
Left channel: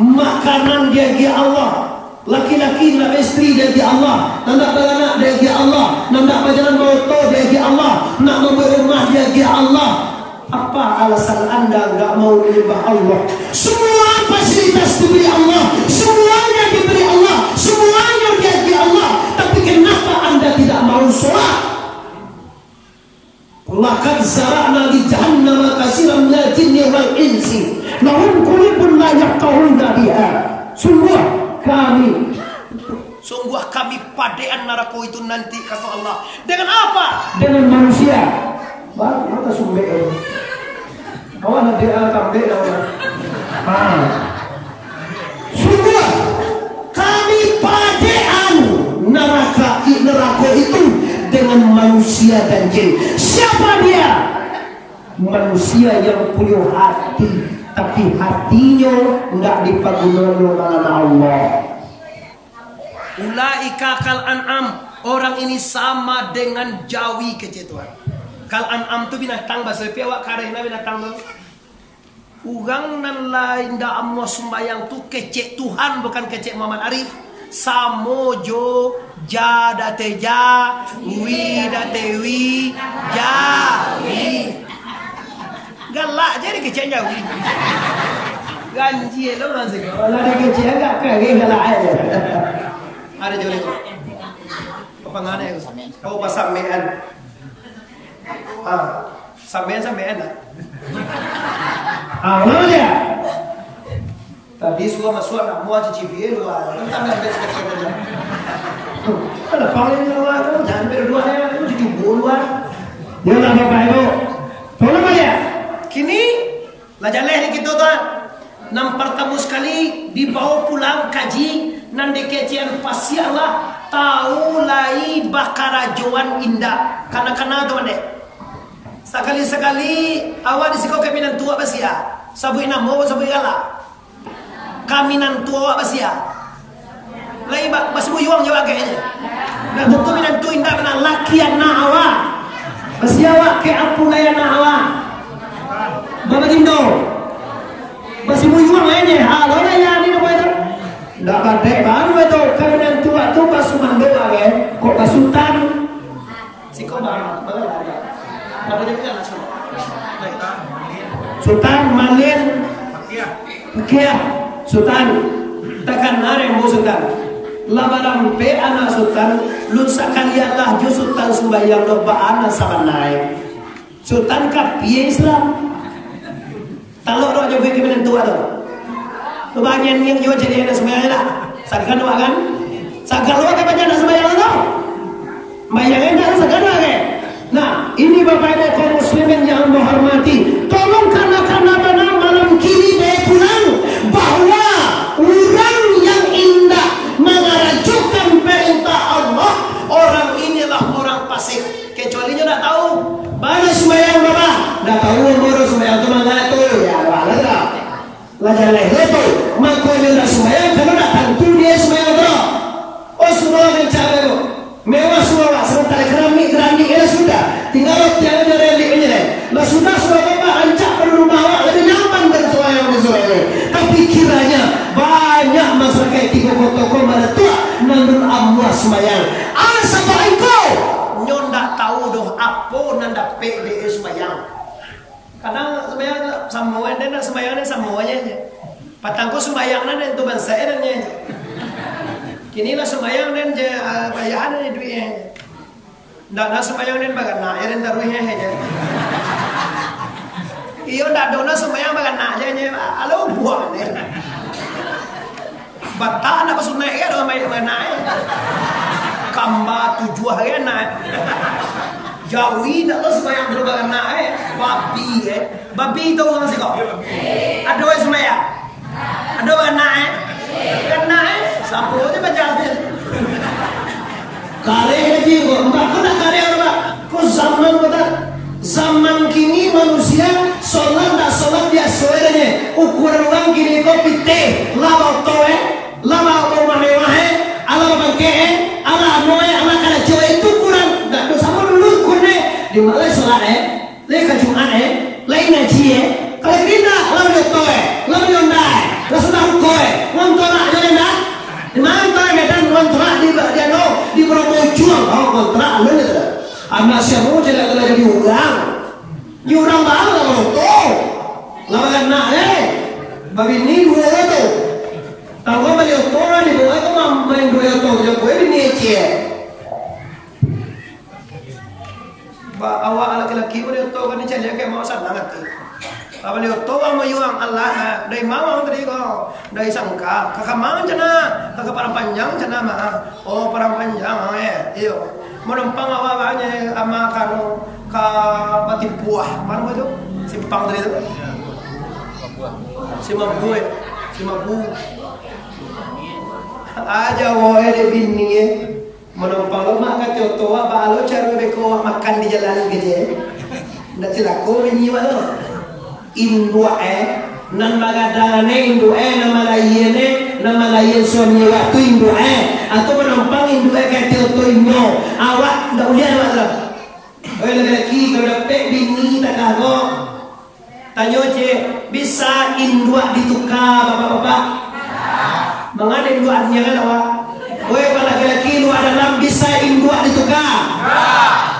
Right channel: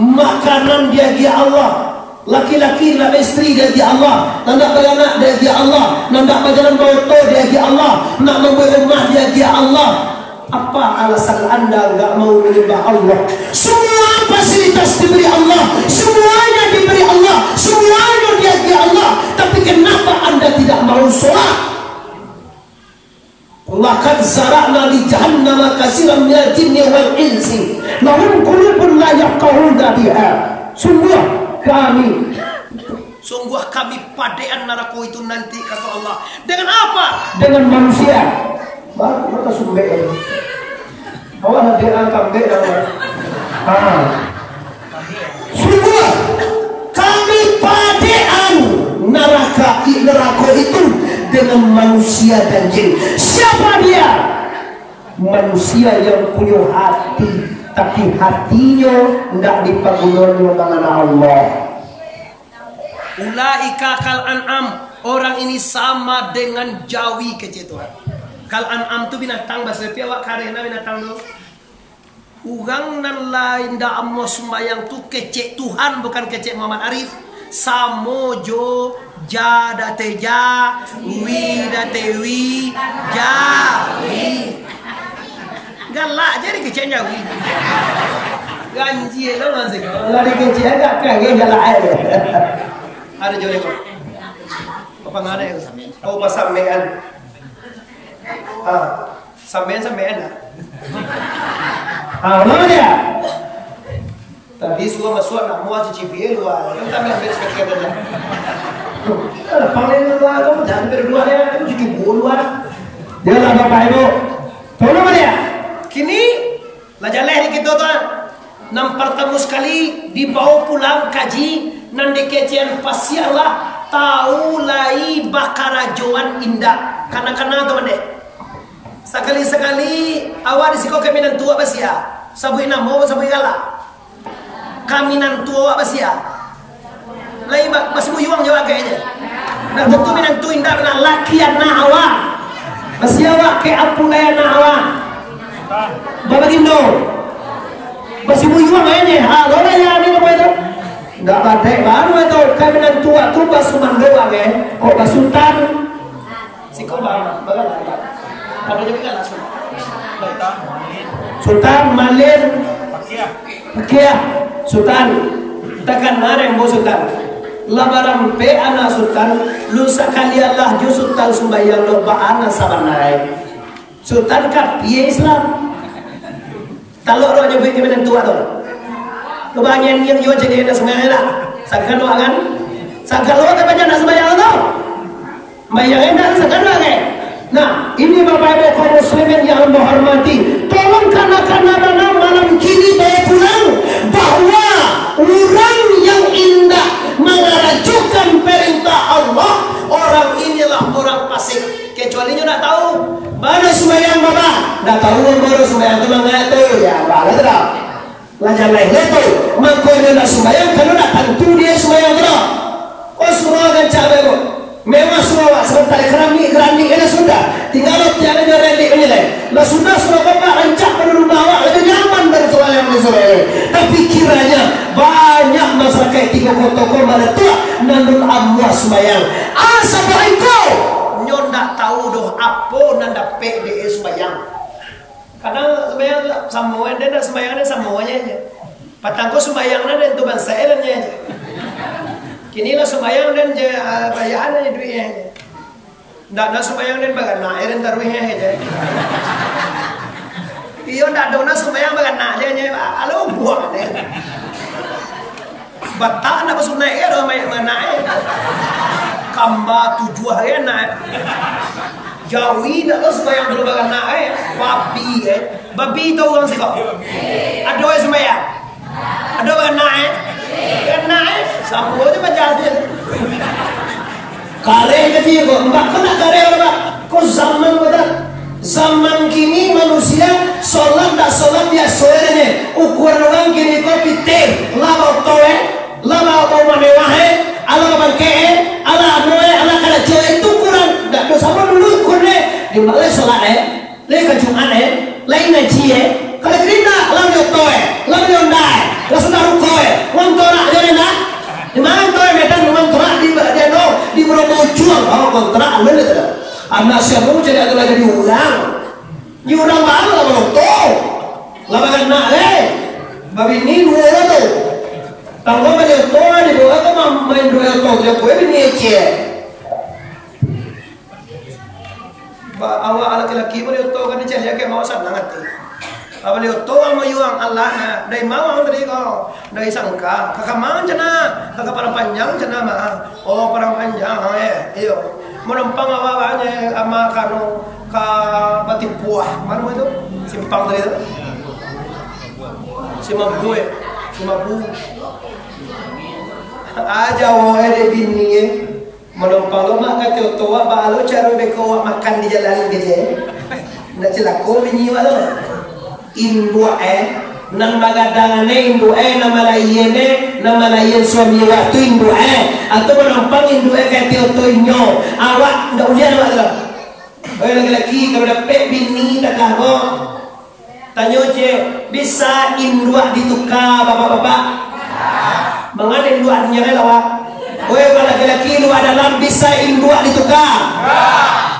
Makanan dia Allah. Laki-laki nak istri dia Allah. Nak beranak dia Allah. Nak berjalan motor dia Allah. Nak membeli rumah dia Allah. Apa alasan anda enggak mau menyembah Allah? Semua fasilitas diberi Allah. Semuanya diberi Allah. Semuanya dia Allah. Tapi kenapa anda tidak mau sholat? Laqad zara'na li jahannama katsiran minal jinni wal insi lahum qulubun la yafqahuna biha. Sungguh kami padean neraka itu nanti kata Allah. Dengan apa? Dengan manusia. Maka sumber. Awak nak dia kambing awak. Sungguh kami padean neraka itu dengan dengan manusia dan jin. Siapa dia? Manusia yang punya hati, tapi hatinya tidak dipagunoni dengan Allah. Ulaika kal an'am, orang ini sama dengan jawi kece Tuhan. Kal an'am tu binatang, bahasa Pia wak karena binatang tu. Urang nan lain da ammo sembayang tu kecek Tuhan, bukan kecek Muhammad Arif. Samojo jada teja wi da tewi jawi. Galak jadi kecek jawi. Ganji lo ngan sih. Lari kecek enggak kaget galak aja. Ada jole kok. Apa ngane ko? Oh pasamean. Samean ah. Lama dia. Tadi suka masuk nak mau cicipi luar. Kan tak ambil sekat aja. Ada panggil luar, kamu jangan berdua ya, kamu cuci luar. Dia lah bapak ibu. Tahu nama dia? Kini lajar lehri kita tuan. Nam pertemu sekali dibawa pulang kaji nan dekecian pasti Allah tahu lai bakarajoan indah. Kana-kana tu mande. Sekali-sekali awak disiko kaminan tua basia. Sabui namo sabui gala. Kaminan tua basia. Lai bak basimu yuang jawab kayaknya. Nak tentu minan tu indah na laki na awak. Basia awak ke apulaya na awak. Babagindo. Basimu yuang kayaknya. Halo na ya ni napa itu? Ndak ada baru itu kaminan tua tu basumando kan. Kok basutan. Siko bang bagala. Pada jadi kan sama. Sultan Malin Pakia Sultan takkan nareng mo Sultan labaram pe ana Sultan lusa kali Allah ju Sultan sumbayang lo ba ana sabanai Sultan ka piye Islam talok ro nyobi di mana tua tu lo banyen ngin yo jadi ana sembayang lah sagkan lo kan ka banyak ana sembayang lo bayang endak sagkan lo kan. Nah, ini Bapak Ibu kaum muslimin yang menghormati, tolong karena malam kini bawa pulang bahwa orang yang indah mengajukan perintah Allah, orang inilah orang fasik. Kecuali nak tahu, baru sembahyang Bapak, nak tahu baru sembahyang tu mengatu ya, baru tak. Lanjut lagi tu, mangkoi nak sembahyang kalau nak tentu dia sembahyang tu. Oh semua kan cabai tu. Memang semua sebentar kerami ini sudah tinggal tiada relik menyelai. Lah sudah bapak rancak pada rumah awak lebih nyaman dari sembahyang di sore. Tapi kiranya banyak masyarakat tiga kota pada tua nandun amwas sembahyang. Assalamualaikum. Nyon tak tahu doh apa nanda PDE sembahyang. Kadang sembahyang semua dan sembahyangnya semuanya aja. Patangko sembahyangnya dan tu bangsa dan aja. Kini lah sembahyang dan bayaran ni duitnya. Ndak ada sembahyang dan bagan nak eren taruhnya aja. Iyo ndak ada sembahyang bagan nak aja nya. Alo buang deh. Batak nak pasuk naik ke dah mana Kamba 7 hari nak. Jawi ndak ada sembahyang dulu bagan nak babi Babi tu orang sih kok. Ada yang sembahyang. Ada bagan nak kena sama aja bacaannya. Kare aja kok, mbak kena kare orang mbak. Kok zaman kini manusia sholat tak sholat dia soalnya ukuran orang kini kok pite, laba toe, laba apa mewah ala bangke, ala noe, ala kada joe itu kurang. Tak do sama dulu kurne di malai sholat le kajuan lain aji kalau gerita lam yo toe, lam yo ndai, langsung rukoe, wang torak jo ena. Di mana toe medan wang torak di dia no di Bromo juang, oh kontrak lu itu dah. Anak siapa jadi adalah jadi orang. Ni orang baru lah baru tu. Labakan nak babi ni dua tu. Tangkap macam tu ni dua tu main dua tu. Jadi kau ini cie. Awak laki-laki boleh tu kan ni cari ke mau sana nanti. Boleh tu mau yuang Allah na. Dari mau tadi kau. Dari sangka. Kakak mang cina. Kakak parang panjang cina mah. Oh parang panjang iyo. Menumpang awak banyak ama kanu ka bati buah. Mana mau itu? Simpang tadi itu. Simabu. Aja wae de bini Menumpang lemak kata tua balo cara beko makan di jalan gitu. Ndak celako binyiwa lo. Indua nan magadangane indua nama layene nama layen suami waktu indua atau menumpang indua kata tonyo awak ndak ulian awak lo. Laki-laki kalau dapat bini tak kagok. Tanya je bisa indua ditukar bapak-bapak. Mengada indua artinya awak. Kalau laki-laki lu dalam bisa indua ditukar.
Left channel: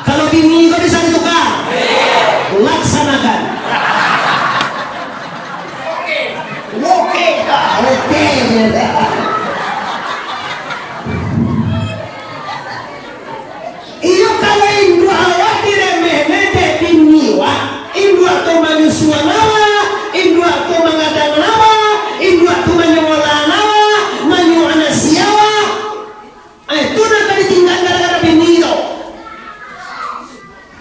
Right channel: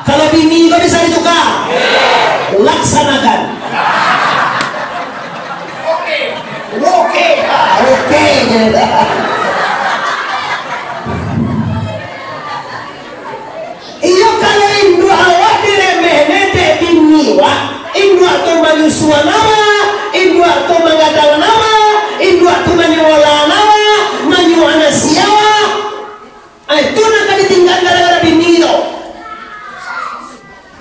Kalau bini kau bisa ditukar. Laksanakan. Oke. Iyo kalau indua awak diremehne de bini wak. Indua tu manusia nama, indua tu mengadang nama, indua tu menyola nama, menyuana siawa. Itu nak ditinggal gara-gara bini itu.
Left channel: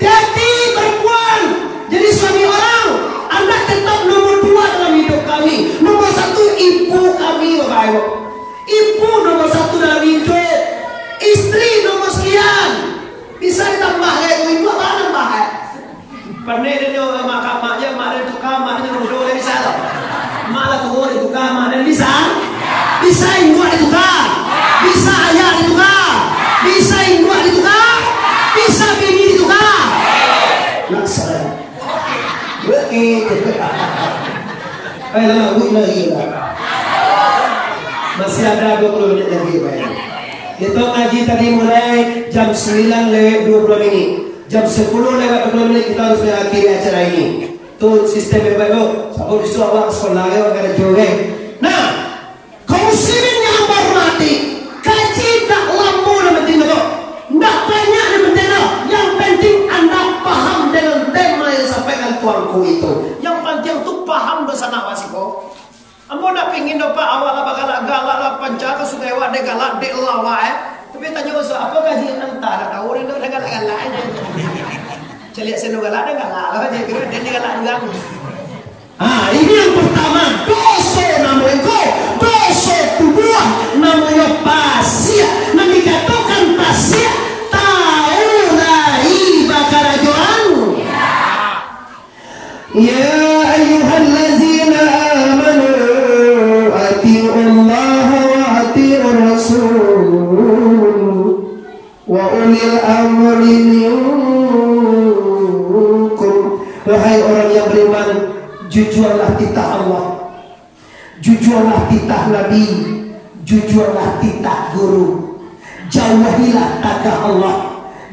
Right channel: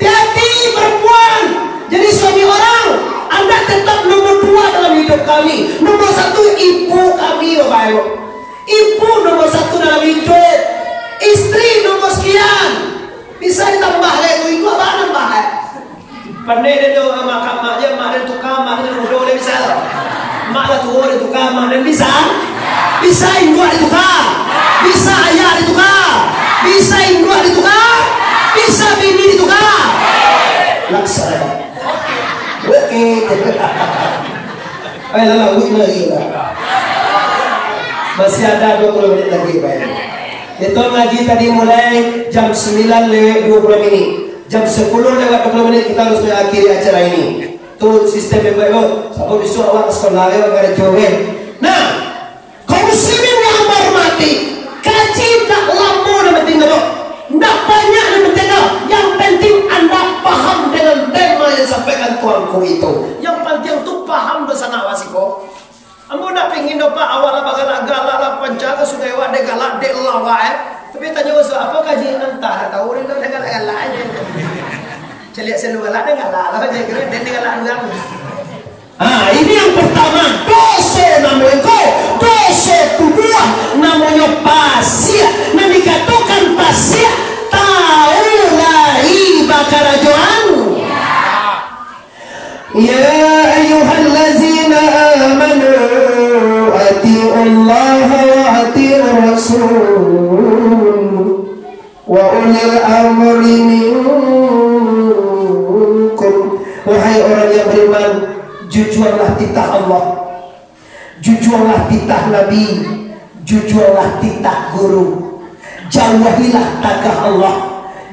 Hati perempuan jadi suami orang, Anda tetap nomor 2 dalam hidup kami. Nomor 1 ibu kami, Bapak Ibu. Ibu nomor 1 dalam hidup. Istri nomor sekian. Bisa ditambah kayak itu ibu apa nambah ya? Pandai dia maknya mak dan tukar mak dan mudah boleh bisa tak? Mak lah tua dan tukar mak dan bisa? Bisa ibu ditukar. Bisa ayah ditukar. Bisa ibu ditukar. Bisa bini ditukar. Laksanakan. Oke. Ayo lalu lagi lah. Masih ada 20 menit lagi Pak. Itu ngaji tadi mulai jam 9 lewat 20 menit. Jam 10 lewat 20 menit kita harus mengakhiri acara ini. Itu sistem yang baik. Sebab besok awak sekolah awak ada jauh. Nah, kaum muslimin yang hormati, kaji tak lama dan penting itu. Tak banyak dan penting itu. Yang penting Anda paham dengan tema yang sampaikan tuanku itu. Yang penting tu paham bersama wasiko. Ambo nak pingin dapat awak lah bakal galak lah pancaga sungai wak de galak de lawa Tapi tanya wasik apa kaji entah tahu dia dah galak-galak aja. Celiak selu galak dah galak lah je kira dia galak ulang. Ini yang pertama, dosa namanya dosa kedua namanya pasir. Nah dikatakan pasir tahu lai bakar joan. Ya ayyuhallazina amanu atiullaha wa atiur rasul wa ulil amri minkum. Wahai orang yang beriman, jujurlah titah Allah, jujurlah titah Nabi, jujurlah titah guru. Jauhilah tagah Allah,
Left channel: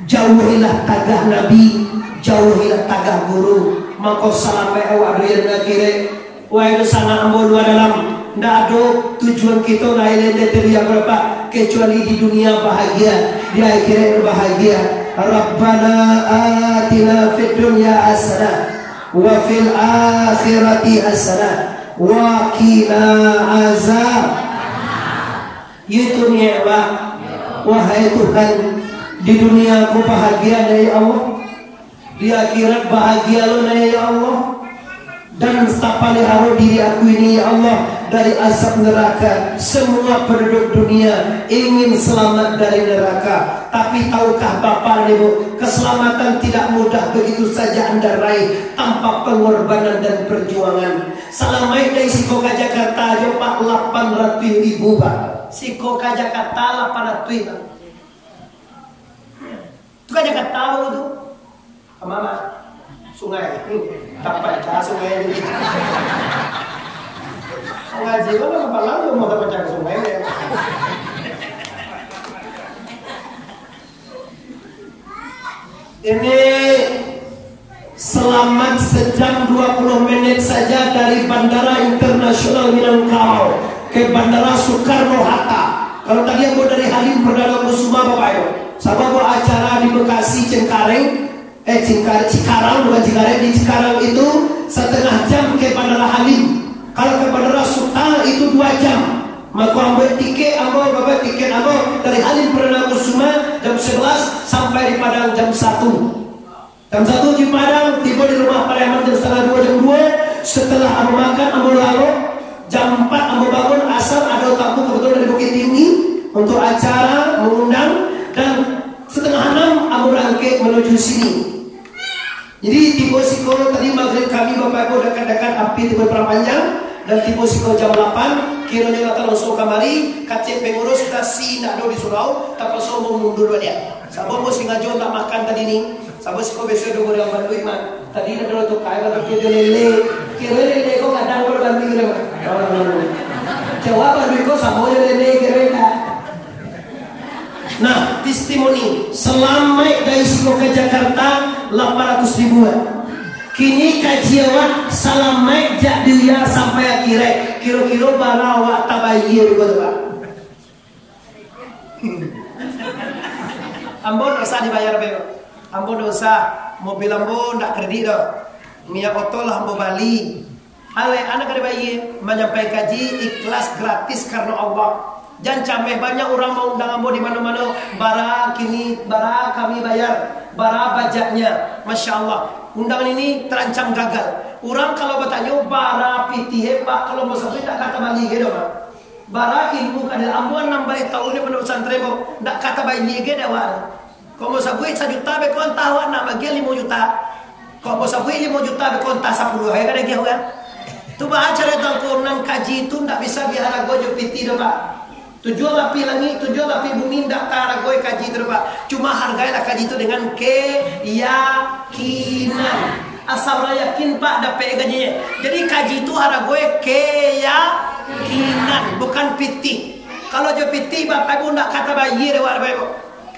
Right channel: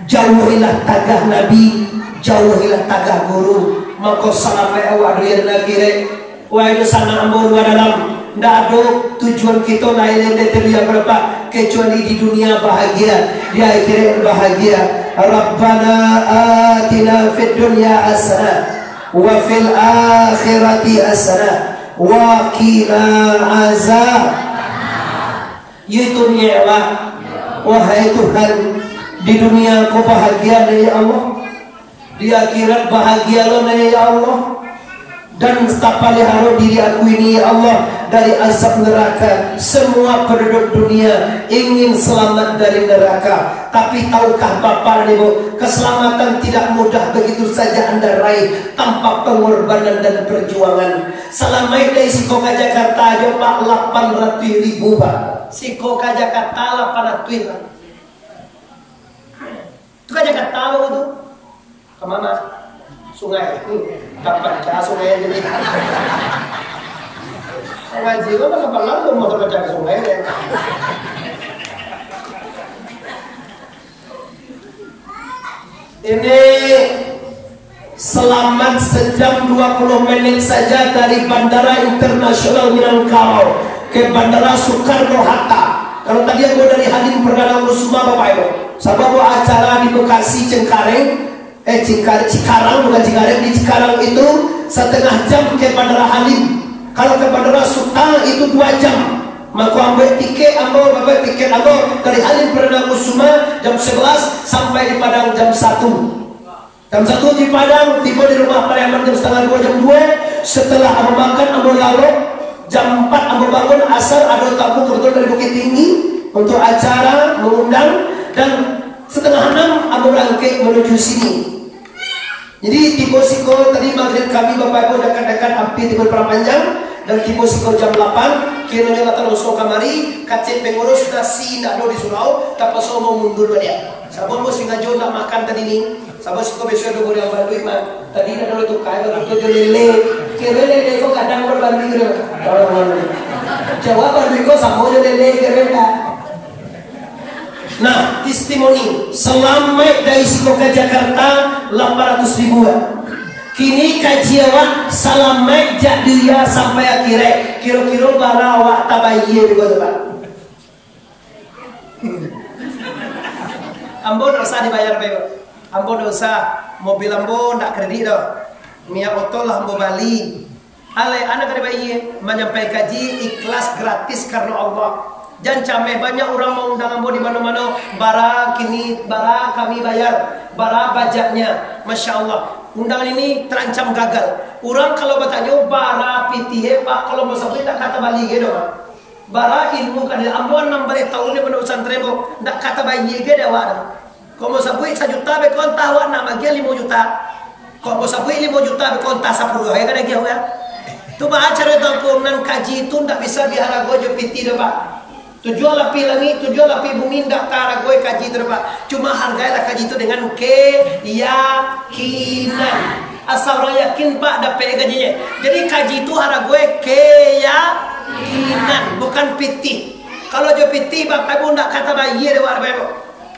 jauhilah tagah Nabi, jauhilah tagah guru. Maka sampai awak dia nakire, wahai sana ambo dua dalam. Ndak ada tujuan kita lain yang berapa kecuali di dunia bahagia, di akhirat bahagia. Rabbana atina fid dunya hasanah wa fil akhirati hasanah wa qina azab. Itu nikmat. Wahai Tuhan, di dunia aku bahagia dari Allah, di akhirat bahagia lo dari Allah, dan tapalihara diri aku ini ya Allah dari azab neraka. Semua penduduk dunia ingin selamat dari neraka, tapi tahukah Bapak dan Ibu, keselamatan tidak mudah begitu saja Anda raih tanpa pengorbanan dan perjuangan. Selama ini Siko ke Jakarta aja Pak 800.000 Pak. Siko ke Jakarta 800 Pak. Itu ke Jakarta apa itu? Kemana? Sungai. Dapat ke sungai jadi. Sungai juga kan apa lalu mau dapat ke sungai ya. Ini selamat sejam 20 menit saja dari Bandara Internasional Minangkabau ke Bandara Soekarno-Hatta. Kalau tadi aku dari Halim Perdana Kusuma Bapak Ibu, sama acara di Bekasi Cengkareng, Cikarang bukan Cikarang, di Cikarang itu setengah jam ke Bandara Halim. Kalau ke Bandara Suta itu 2 jam. Maka ambil tiket, bapak tiket dari Halim Perdana Kusuma jam 11 sampai di Padang jam 1. Jam 1 di Padang, tiba di rumah Parlemen jam setengah 2, jam 2. Setelah ambil makan, ambil lalu jam 4 ambil bangun asar ada tamu kebetulan dari Bukit Tinggi untuk acara mengundang. dan setengah 6 aku berangkat menuju sini. Jadi tiba siko tadi maghrib kami Bapak Ibu dekat-dekat hampir tiba perang panjang, dan tiba siko jam 8 kiranya kata langsung kamari kacet pengurus sudah si nak do di surau tapi so mau mundur dia. Sabon mau singajo nak makan tadi ni. Sabon siko besok do yang bantu iman. Tadi nak do tu kai bantu jo lele. Kira lele ko kadang ko bantu dia. Jawab bantu ko samo jo lele kira. Nah, testimoni selama dari siko ke Jakarta 800 ribuan. Kini kaji awak salamai jak dia sampai akhirnya kira-kira bara awak tabayir juga Pak. Ambo dosa dibayar bebo. Ambo dosa mobil ambo ndak kredit do. Minyak oto lah ambo bali. Ale anak kada bayar menyampai kaji ikhlas gratis karena Allah. Jangan cameh banyak orang mau undang ambo di mana-mana. Bara kini bara kami bayar. Bara bajaknya, masya Allah. Undangan ini terancam gagal. Orang kalau bertanya bara piti pak kalau mau sampai tak kata balik gitu pak. Bara ilmu kada ambuan 6 tahun ni pada pesantren bo tak kata balik gitu dah. Kalau mau sampai 1 juta be kon tahu nak bagi 5 juta. Kalau mau sampai 5 juta be kon tak 10 ya kada gitu kan. Tu bah acara tangkunan kaji itu tak bisa diharago jo piti dah pak. Tujuan lapi langit, tujuan lapi bumi ndak taragoi kaji itu Pak. Cuma hargailah kaji itu dengan keyakinan. Asal orang yakin Pak dapat gajinya. Jadi kaji itu haragoi keyakinan, bukan piti. Kalau jo piti Bapak Ibu ndak kata bayar Bapak Ibu.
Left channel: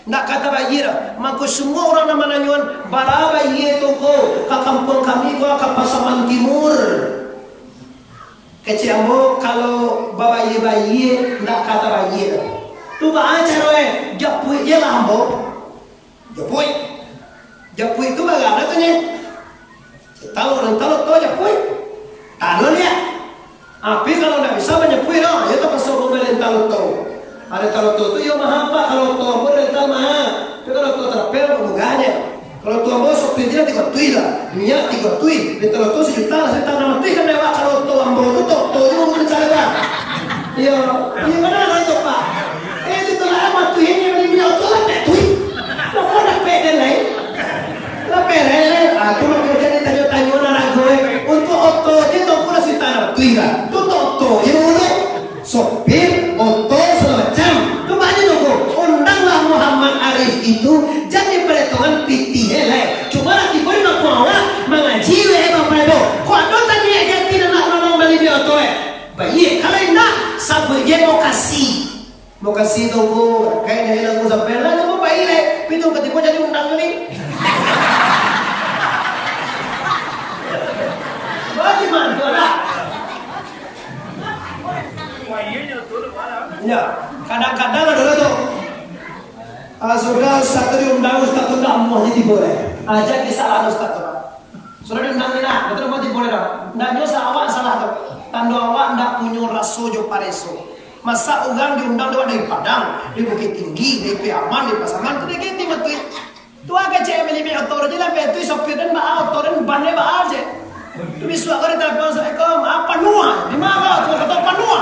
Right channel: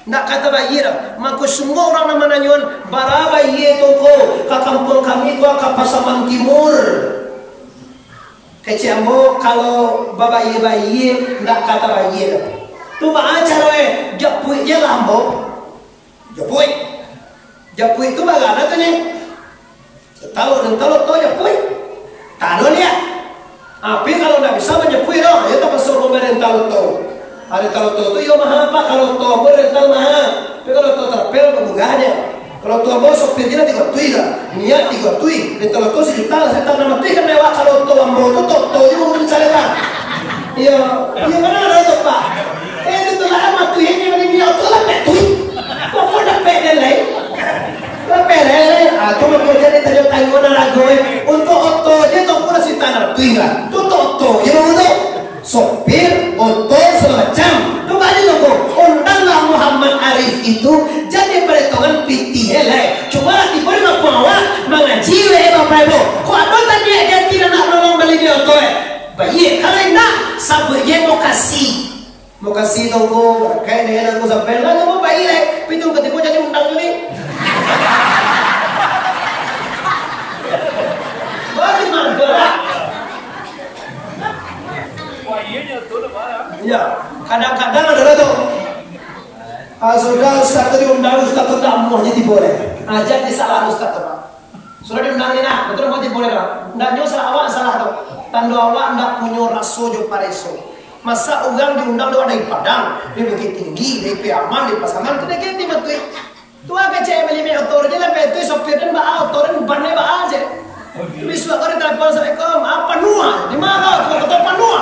Ndak kata bayar. Maka semua orang nama nanyuan bara bayar toko ke kampung kami gua ke Pasaman Timur. Kecambo kalau bayi ndak kata bayi tu baca roe japui je lambo japui tu bagana tu nya tahu to japui tado lihat api kalau ndak bisa menyapui doh ya tu pasal pemerintah to ada tahu to yo mahal Pak kalau to rental mahal tapi kalau to terapel bunganya. Kalau tuan bos sopir dia 3 tui lah, minyak 3 tui, rental to 1 juta lah, saya tak nama tui kan lewat kalau tuan bos tu to juga boleh cari lah. Iya mana ada itu Pak? Itu lah amat tui ini beli minyak tu lah tui, apa nak pede lain? Lah pede lain, tu macam dia tadi tanya orang gue untuk oto dia tu pun si tanah tui lah, tu oto, ya boleh sopir oto segala macam, tu banyak tu undanglah Muhammad Arif itu jadi perhitungan piti helai. Cuma nanti boleh ngaku awak mengaji Bapak Ibu. Kau ada tadi dia tidak nak nolong beli dia tu baik kalau tidak sabuk dia mau kasih tunggu kayak dia nak sampai lah cuma baik le. Pitung ketika jadi undang ni. Bagaimana lah? Ya, kadang-kadang ada tu. Sudah Ustaz tadi undang Ustaz tu tak mau jadi boleh. Ajak dia salah Ustaz tu Pak. Sudah diundang ni nak, betul mau jadi boleh tak? Ndak nyosa awak salah tu. Tanda awak ndak punya rasu jo pareso. Masa orang diundang tu ada di Padang, di Bukit Tinggi, di Piaman, di Pasaman tu dia gitu betul. Tu agak cek beli motor je lah, betul sopir dan bawa motor dan bannya bawa aja. Tu bisu aku di telepon Assalamualaikum, apa nuah? Di mana tu kata panua?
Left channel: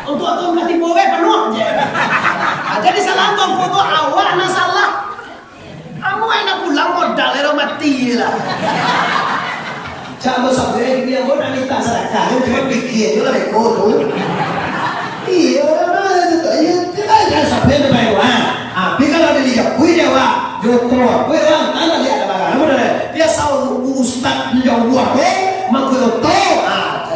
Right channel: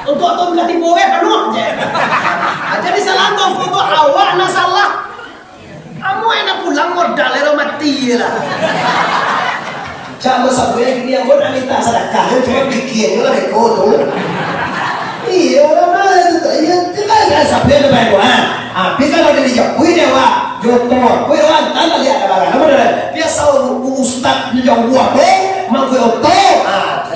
Untuk atom katipu penuh je. Jadi salah tongku tu awak nak salah. Kamu enak pulang modal ero mati lah. Jangan sampai gini yang mau minta sedekah cuma bikin juga beko tu. Iya mana itu iya tidak sampai ada baik doa. Tapi kalau dia dijapui dewa jotor, kue orang tanpa lihat ada bagan. Namun ada biasa ustad menjauh apa? Mangkui oto,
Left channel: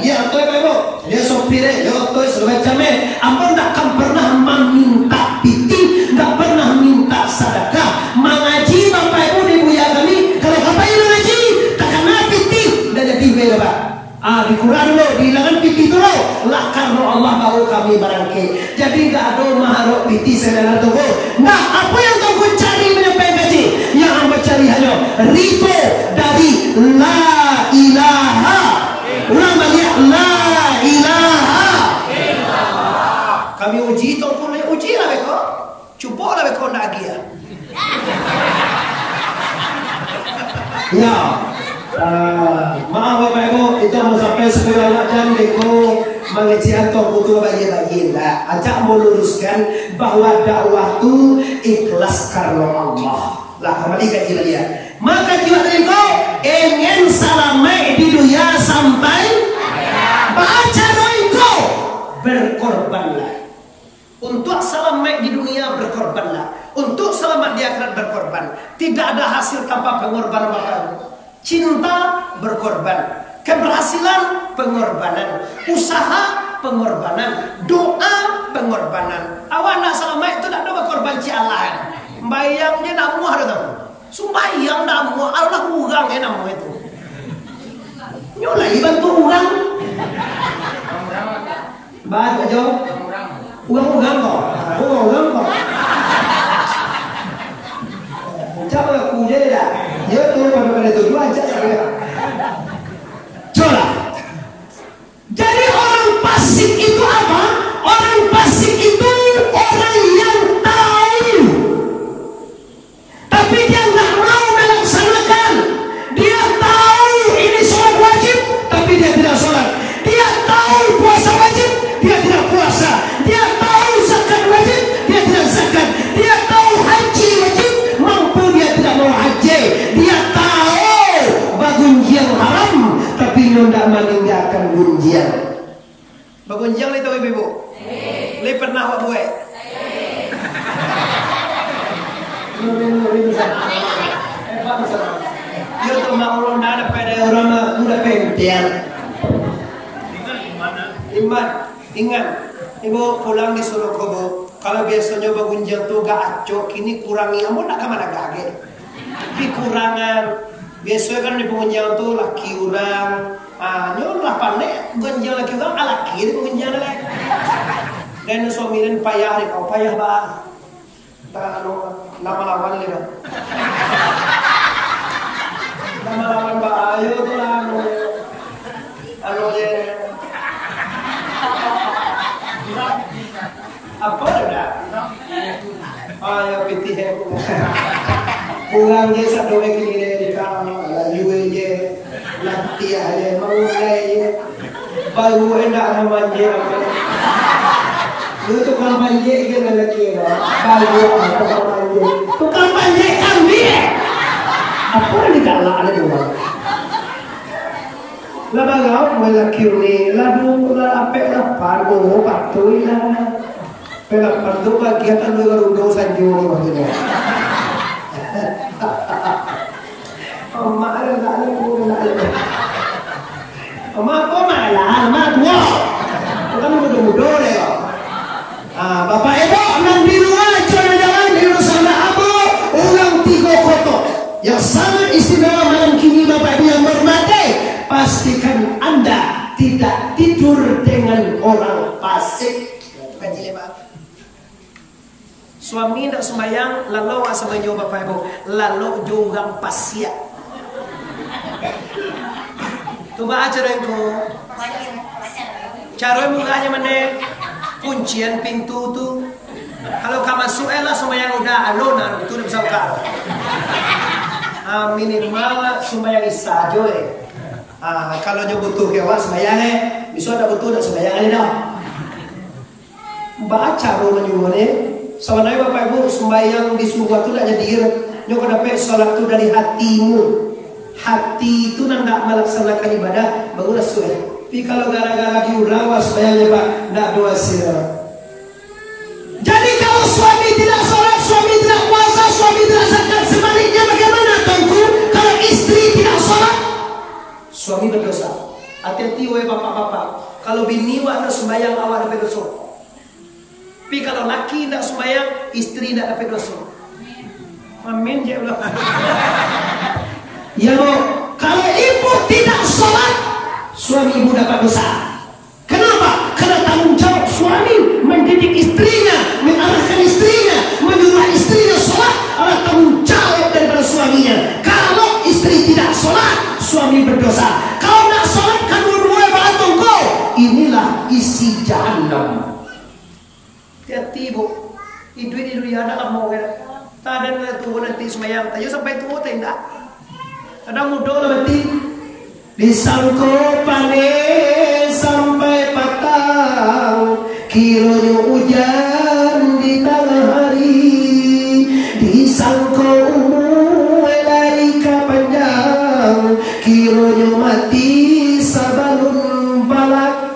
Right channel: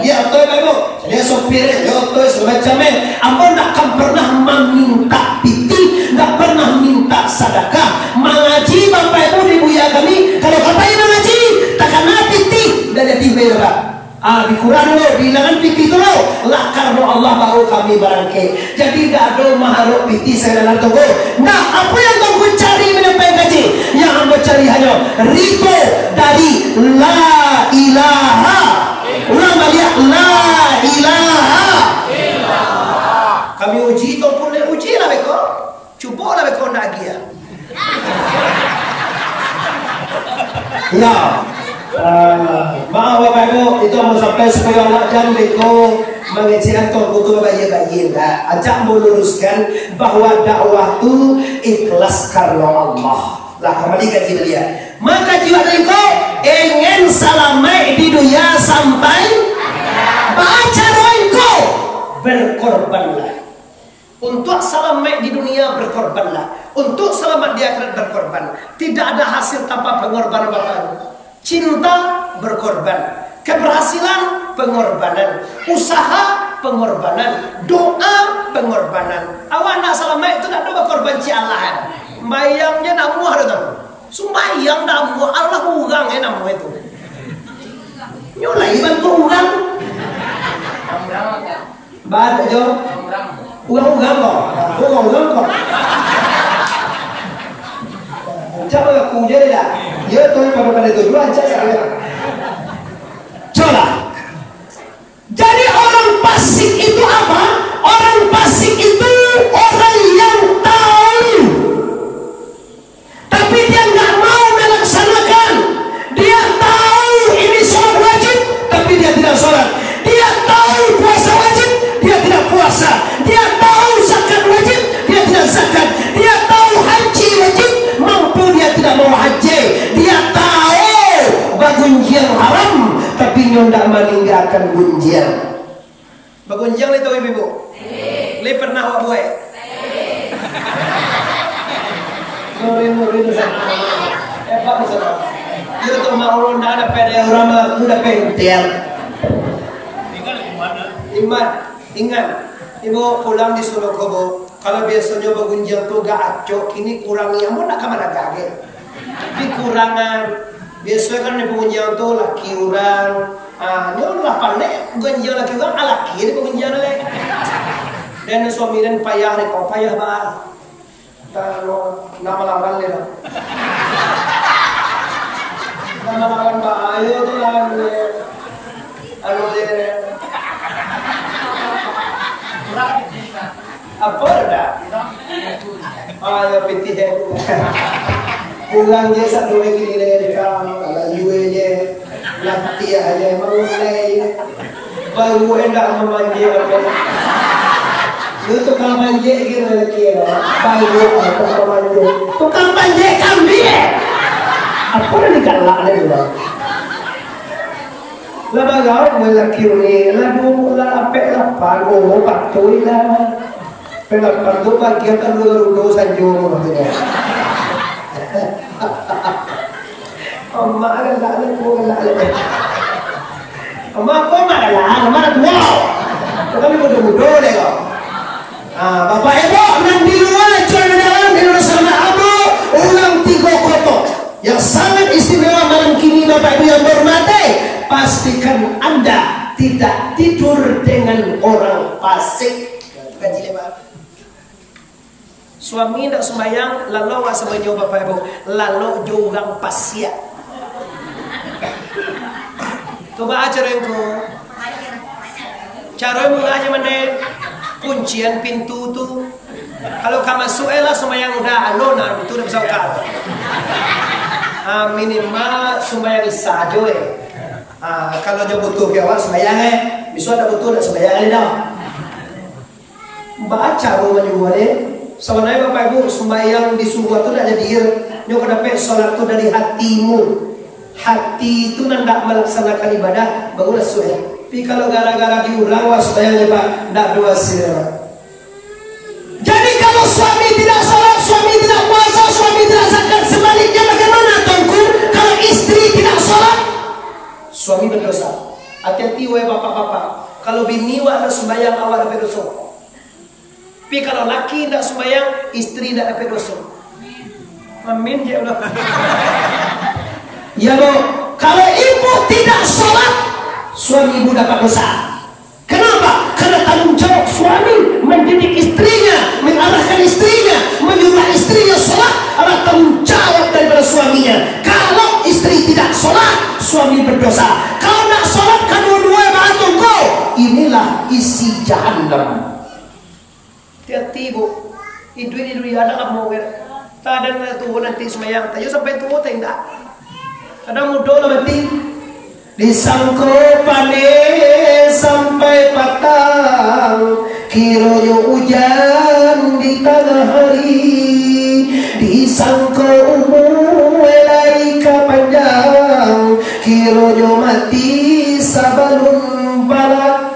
lihat oto baik bu. Jadi sopir oto semacamnya. Ampun tak akan pernah meminta piti, tak pernah minta sedekah. Mengaji Bapak Ibu di buya kami. Kalau katanya mengaji, tak kena piti, dah jadi baik Pak. Di Quran dulu, bilangan piti itu loh. Lah karena Allah baru kami barangke. Jadi tak ada makhluk piti sekarang tunggu. Nah, apa yang tunggu cari menyampaikan gaji? Yang anda cari hanya Riko dari La ilaha. Ulang balik La ilaha. Kami uji tunggu le uji lah beko. Cuba lah beko nak dia. Ya. Maaf Bapak Ibu, itu mau sampai 10 jam beko. mengajian toh butuh bayi-bayi enggak. Ajak meluruskan bahwa dakwah itu ikhlas karena Allah. Lah kembali ke jiwa dia. Maka jiwa engkau ingin salamai di dunia sampai baca doa engkau berkorbanlah. Untuk selamat di dunia berkorbanlah. Untuk selamat di akhirat berkorban. Tidak ada hasil tanpa pengorbanan Bapak. Cinta berkorban. Keberhasilan pengorbanan. Usaha pengorbanan. Doa pengorbanan. Awak nak selamat itu nak doa korban ci Allah. Bayangnya nak muah dah tahu. Sumbayang nak muah Allah urang nak muah itu. Nyolai bantu urang. Bad aja. Ugang kok. Coba aku jadi dah. Ya tuh pada itu dua aja saya. Coba. Jadi orang fasik itu apa? Orang fasik itu orang yang tahu, tapi dia nggak mau melaksanakan. Dia tahu ini sholat wajib, tapi dia tidak sholat. Dia tahu puasa wajib, dia tidak puasa. Dia tahu zakat wajib, dia tidak zakat. Dia tahu haji wajib, mampu dia tidak mau haji. Dia tahu bagunjiang haram, tapi ndak meninggalkan gunjiang. Bagunjiang li tahu ibu? Li pernah awak buat? Nurin sana. Pak sana. Yo tu mau ndak ada pada orang udah pentel. Iman, ingat. Ibu pulang di Solokobo. Kalau biasanya bagunjang tu gak acok, kini kurangi. Ampun nak kemana gagal? Tapi kurangan. Biasanya kan di pengunjang tu laki orang. Nyon lah pandai. Gunjang laki orang, laki di pengunjang lagi. Dan suami dan payah ni kau payah bah. Nama lawan le dah. Nama lawan bah ayo tu lah. Anu je. Apa dah? Ya piti hai. Kurang je sak doa kini le kang ala yue je. Lanti aja mau le. Baru hendak memanje apa. Itu tukang manje gitu lagi lah. Baru tukang manje. Tukang manje kambing. Apa ni galak ni juga. Lah bagau lelaki ni lalu lah apek lah pago patui lah. Pelapan tu bagian lu dosa juru maksudnya. Amma galak ni ko galak ni. Amma ko malah, amma tua. Kami muda-muda ni kok. Bapak ibu nan di luar jodoh dalam di luar sana abu ulang 3 kotor yang sangat istimewa malam kini Bapak ibu yang bermati. Pastikan Anda tidak tidur dengan orang fasik. Kaji lebar. Suami tidak sembahyang, lalu awak sembahyang Bapak ibu, lalu jorang pasya. Coba acara engkau. Cara mengajak mana? Kuncian pintu tu. Kalau kamu masuk lah sembahyang udah anona, itu udah bisa buka. Minimal sembahyang isya aja kalau jauh butuh ya awak sembahyang bisa ada butuh nak sembahyang ni dah. Baca rumah juga ni. Sebenarnya Bapak Ibu sembahyang di surga tu nak jadi nyo kena dapat solat tu dari hatimu. Hati itu nak melaksanakan ibadah barulah suai. Tapi kalau gara-gara diurang was sembahyangnya Pak nak doa sila. Jadi kalau suami tidak solat, suami tidak puasa, suami tidak zakat, sebaliknya bagaimana tuanku? Kalau istri tidak solat, suami berdosa. Hati-hati wahai bapak-bapak. Kalau bini awak nak sembahyang awak dapat dosa. Tapi kalau laki nak sembahyang, istri tak dapat dosa. Amin ya Allah. Ya Bu, kalau ibu tidak sholat, suami ibu dapat dosa. Kenapa? Karena tanggung jawab suami mendidik istrinya, mengarahkan istrinya, menyuruh istrinya sholat adalah tanggung jawab daripada suaminya. Kalau istri tidak sholat, suami berdosa. Kalau nak sholat kan dua-dua bantu kau. Inilah isi jahannam. Hati-hati Bu, hidup ya dalam mau tak ada tua nanti semayang, tayo sampai tua tak indah. Kadang muda lah mati. Disangko panik sampai patah. Kiranya hujan di tengah hari, disangka umur laika panjang, kiranya mati sabalun balak.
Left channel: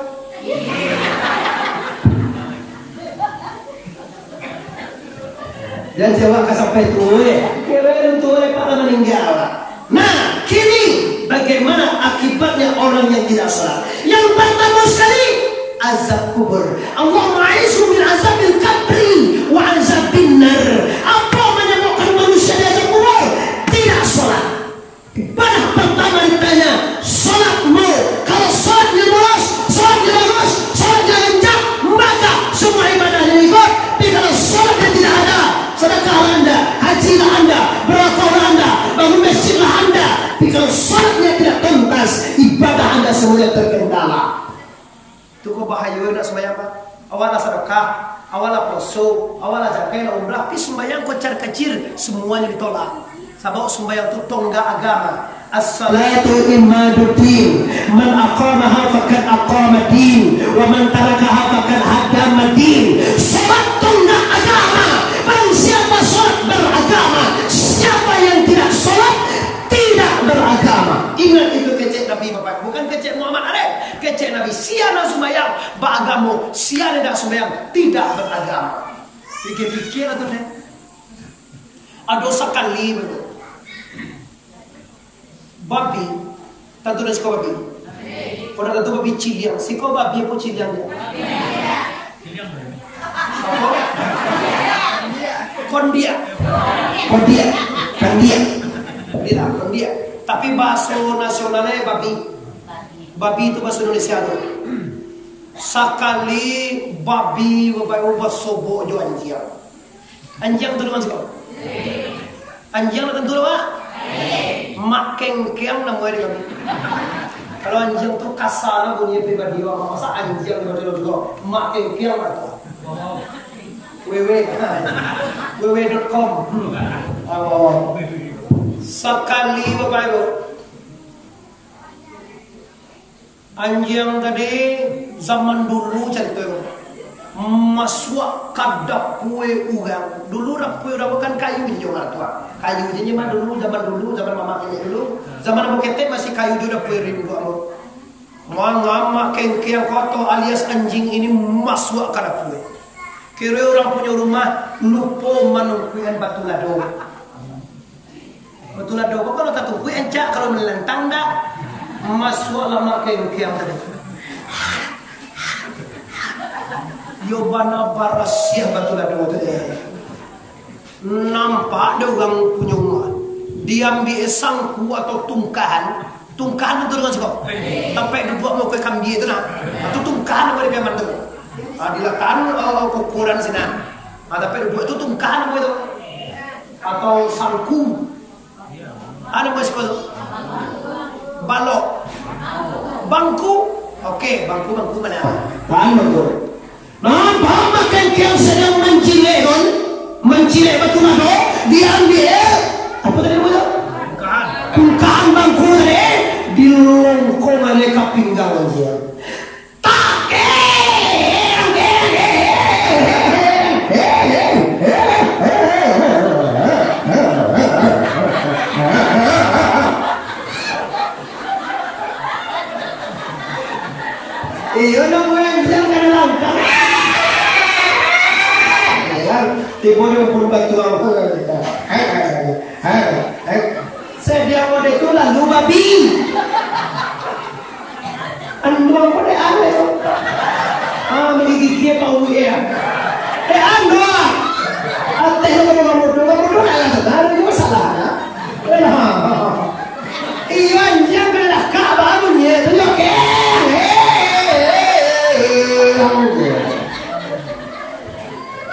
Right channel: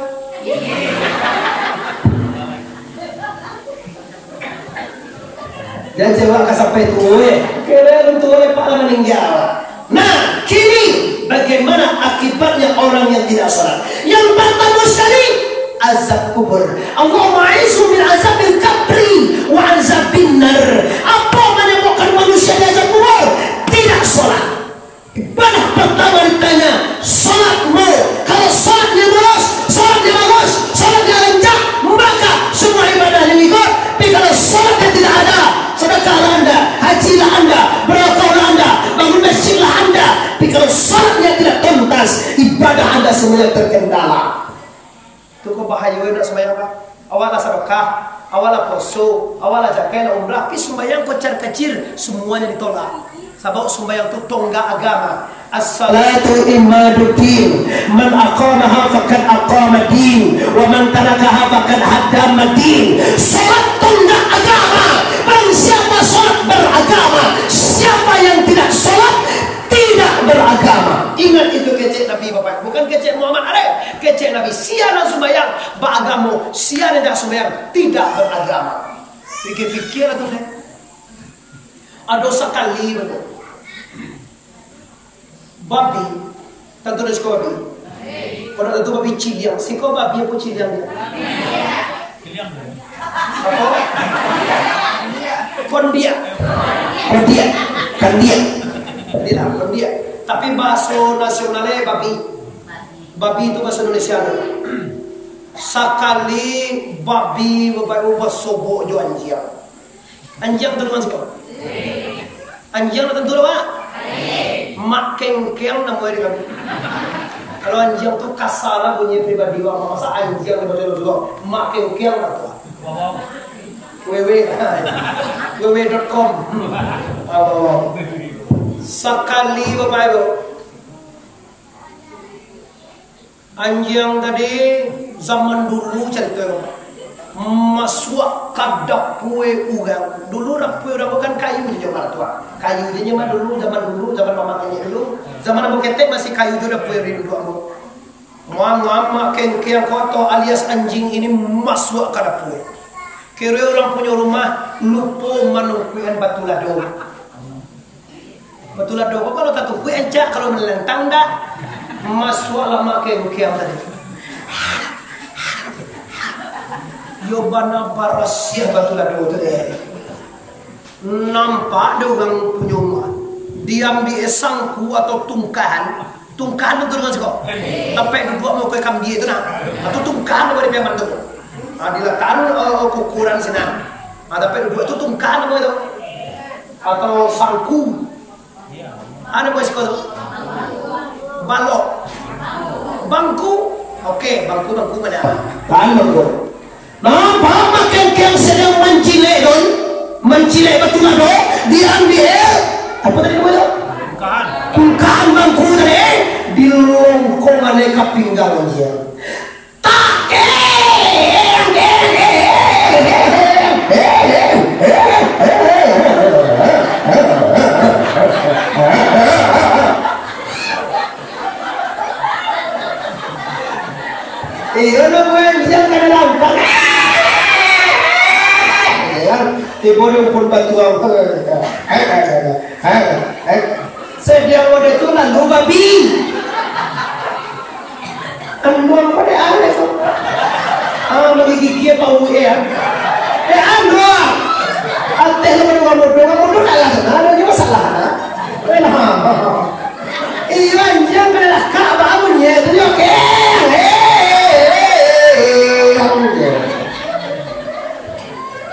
Dan jawab ke sampai tuwe, kira tuwe Pak meninggal. Nah, kini bagaimana akibatnya orang yang tidak sholat? Yang pertama sekali, azab kubur. Allahumma aizu min azabil qabri wa azabin nar. Apa menyebabkan manusia di azab kubur? Tidak sholat. Ibadah pertama ditanya, sholatmu. Kalau sholatnya lurus, sholatnya bagus, sholatnya lancar, maka semua ibadahnya ikut. Tapi kalau sholatnya tidak ada, sedekahlah Anda, hajilah Anda, berlakulah Anda, bangun masjidlah Anda. Tapi kalau sholatnya tidak tuntas, ibadah Anda semuanya terkendala. Itu kok bahaya nak sembahyang Pak. Awalah sedekah, awalah poso, awalah zakat, umrah, tapi sembahyang kocar kacir semuanya ditolak. Sebab sembahyang itu tonggak agama. As-salatu imaduddin, man aqamaha faqad aqama din, wa man tarakaha faqad haddama din. Salat tonggak agama. Barang siapa salat beragama, siapa yang tidak salat tidak beragama. Ingat itu kecek Nabi Bapak, bukan kecek Muhammad Arif, kecek Nabi. Siapa sembahyang beragama, siapa tidak sembahyang tidak beragama. Pikir-pikir atau deh. Ada sekali betul. Babi, tentu dah suka babi. Orang tentu babi ciliang, si kau babi apa ciliang dia? Apa? Kondia. Kondia. Tapi bahasa nasionalnya babi. Babi itu bahasa Indonesia tu. Sekali babi bapak sobok jo anjing. Anjing tu dengan siapa? Anjing tentu dah Pak. Mak kengkeng namanya kami. Kalau anjing tu kasar bunyi pribadi orang, masa anjing betul juga. Mak kengkeng lah tu. www.com. Sekali bapak ibu, anjing tadi zaman dulu cerita masuk kadap pue ugang. Dulu rapue udah bukan kayu je jomar tua. Kayu je mah dulu zaman mama ini dulu. Zaman abang ketek masih kayu juga pue rindu abang. Mama kengkeng kotor alias anjing ini masuk kadap pue. Kira orang punya rumah lupa manungkuian batu lado. Batu lado apa kalau tak tungkui encak kalau melentang dah masuk lama kengkeng tadi. Yobana barasia batu lado tu deh. Nampak ada orang punya rumah diambil sangku atau tungkahan itu dengan siapa? Sampai duduk mau ke kambing itu nak atau tungkahan apa dia mantu? Diletakkan ukuran sini. Tapi duduk itu tungkahan apa itu? Atau sangku? Ada apa sih kau? Balok, bangku? Oke, bangku mana? Bangku. Nampak makan yang sedang mencilek batu lado, diambil apa tadi itu? Kungkaan bangku tadi dilongkong aneka pinggang aja. Iya namanya jangan ada lampak. Tiba dia pun batu aku. Sedia wadah itu lalu babi. Anu apa deh aneh tu? Menggigit apa uwe ya? Anu. Alteh kamu dulu nak sana ada juga salah. Iya jangan kena kak barunya tu okey.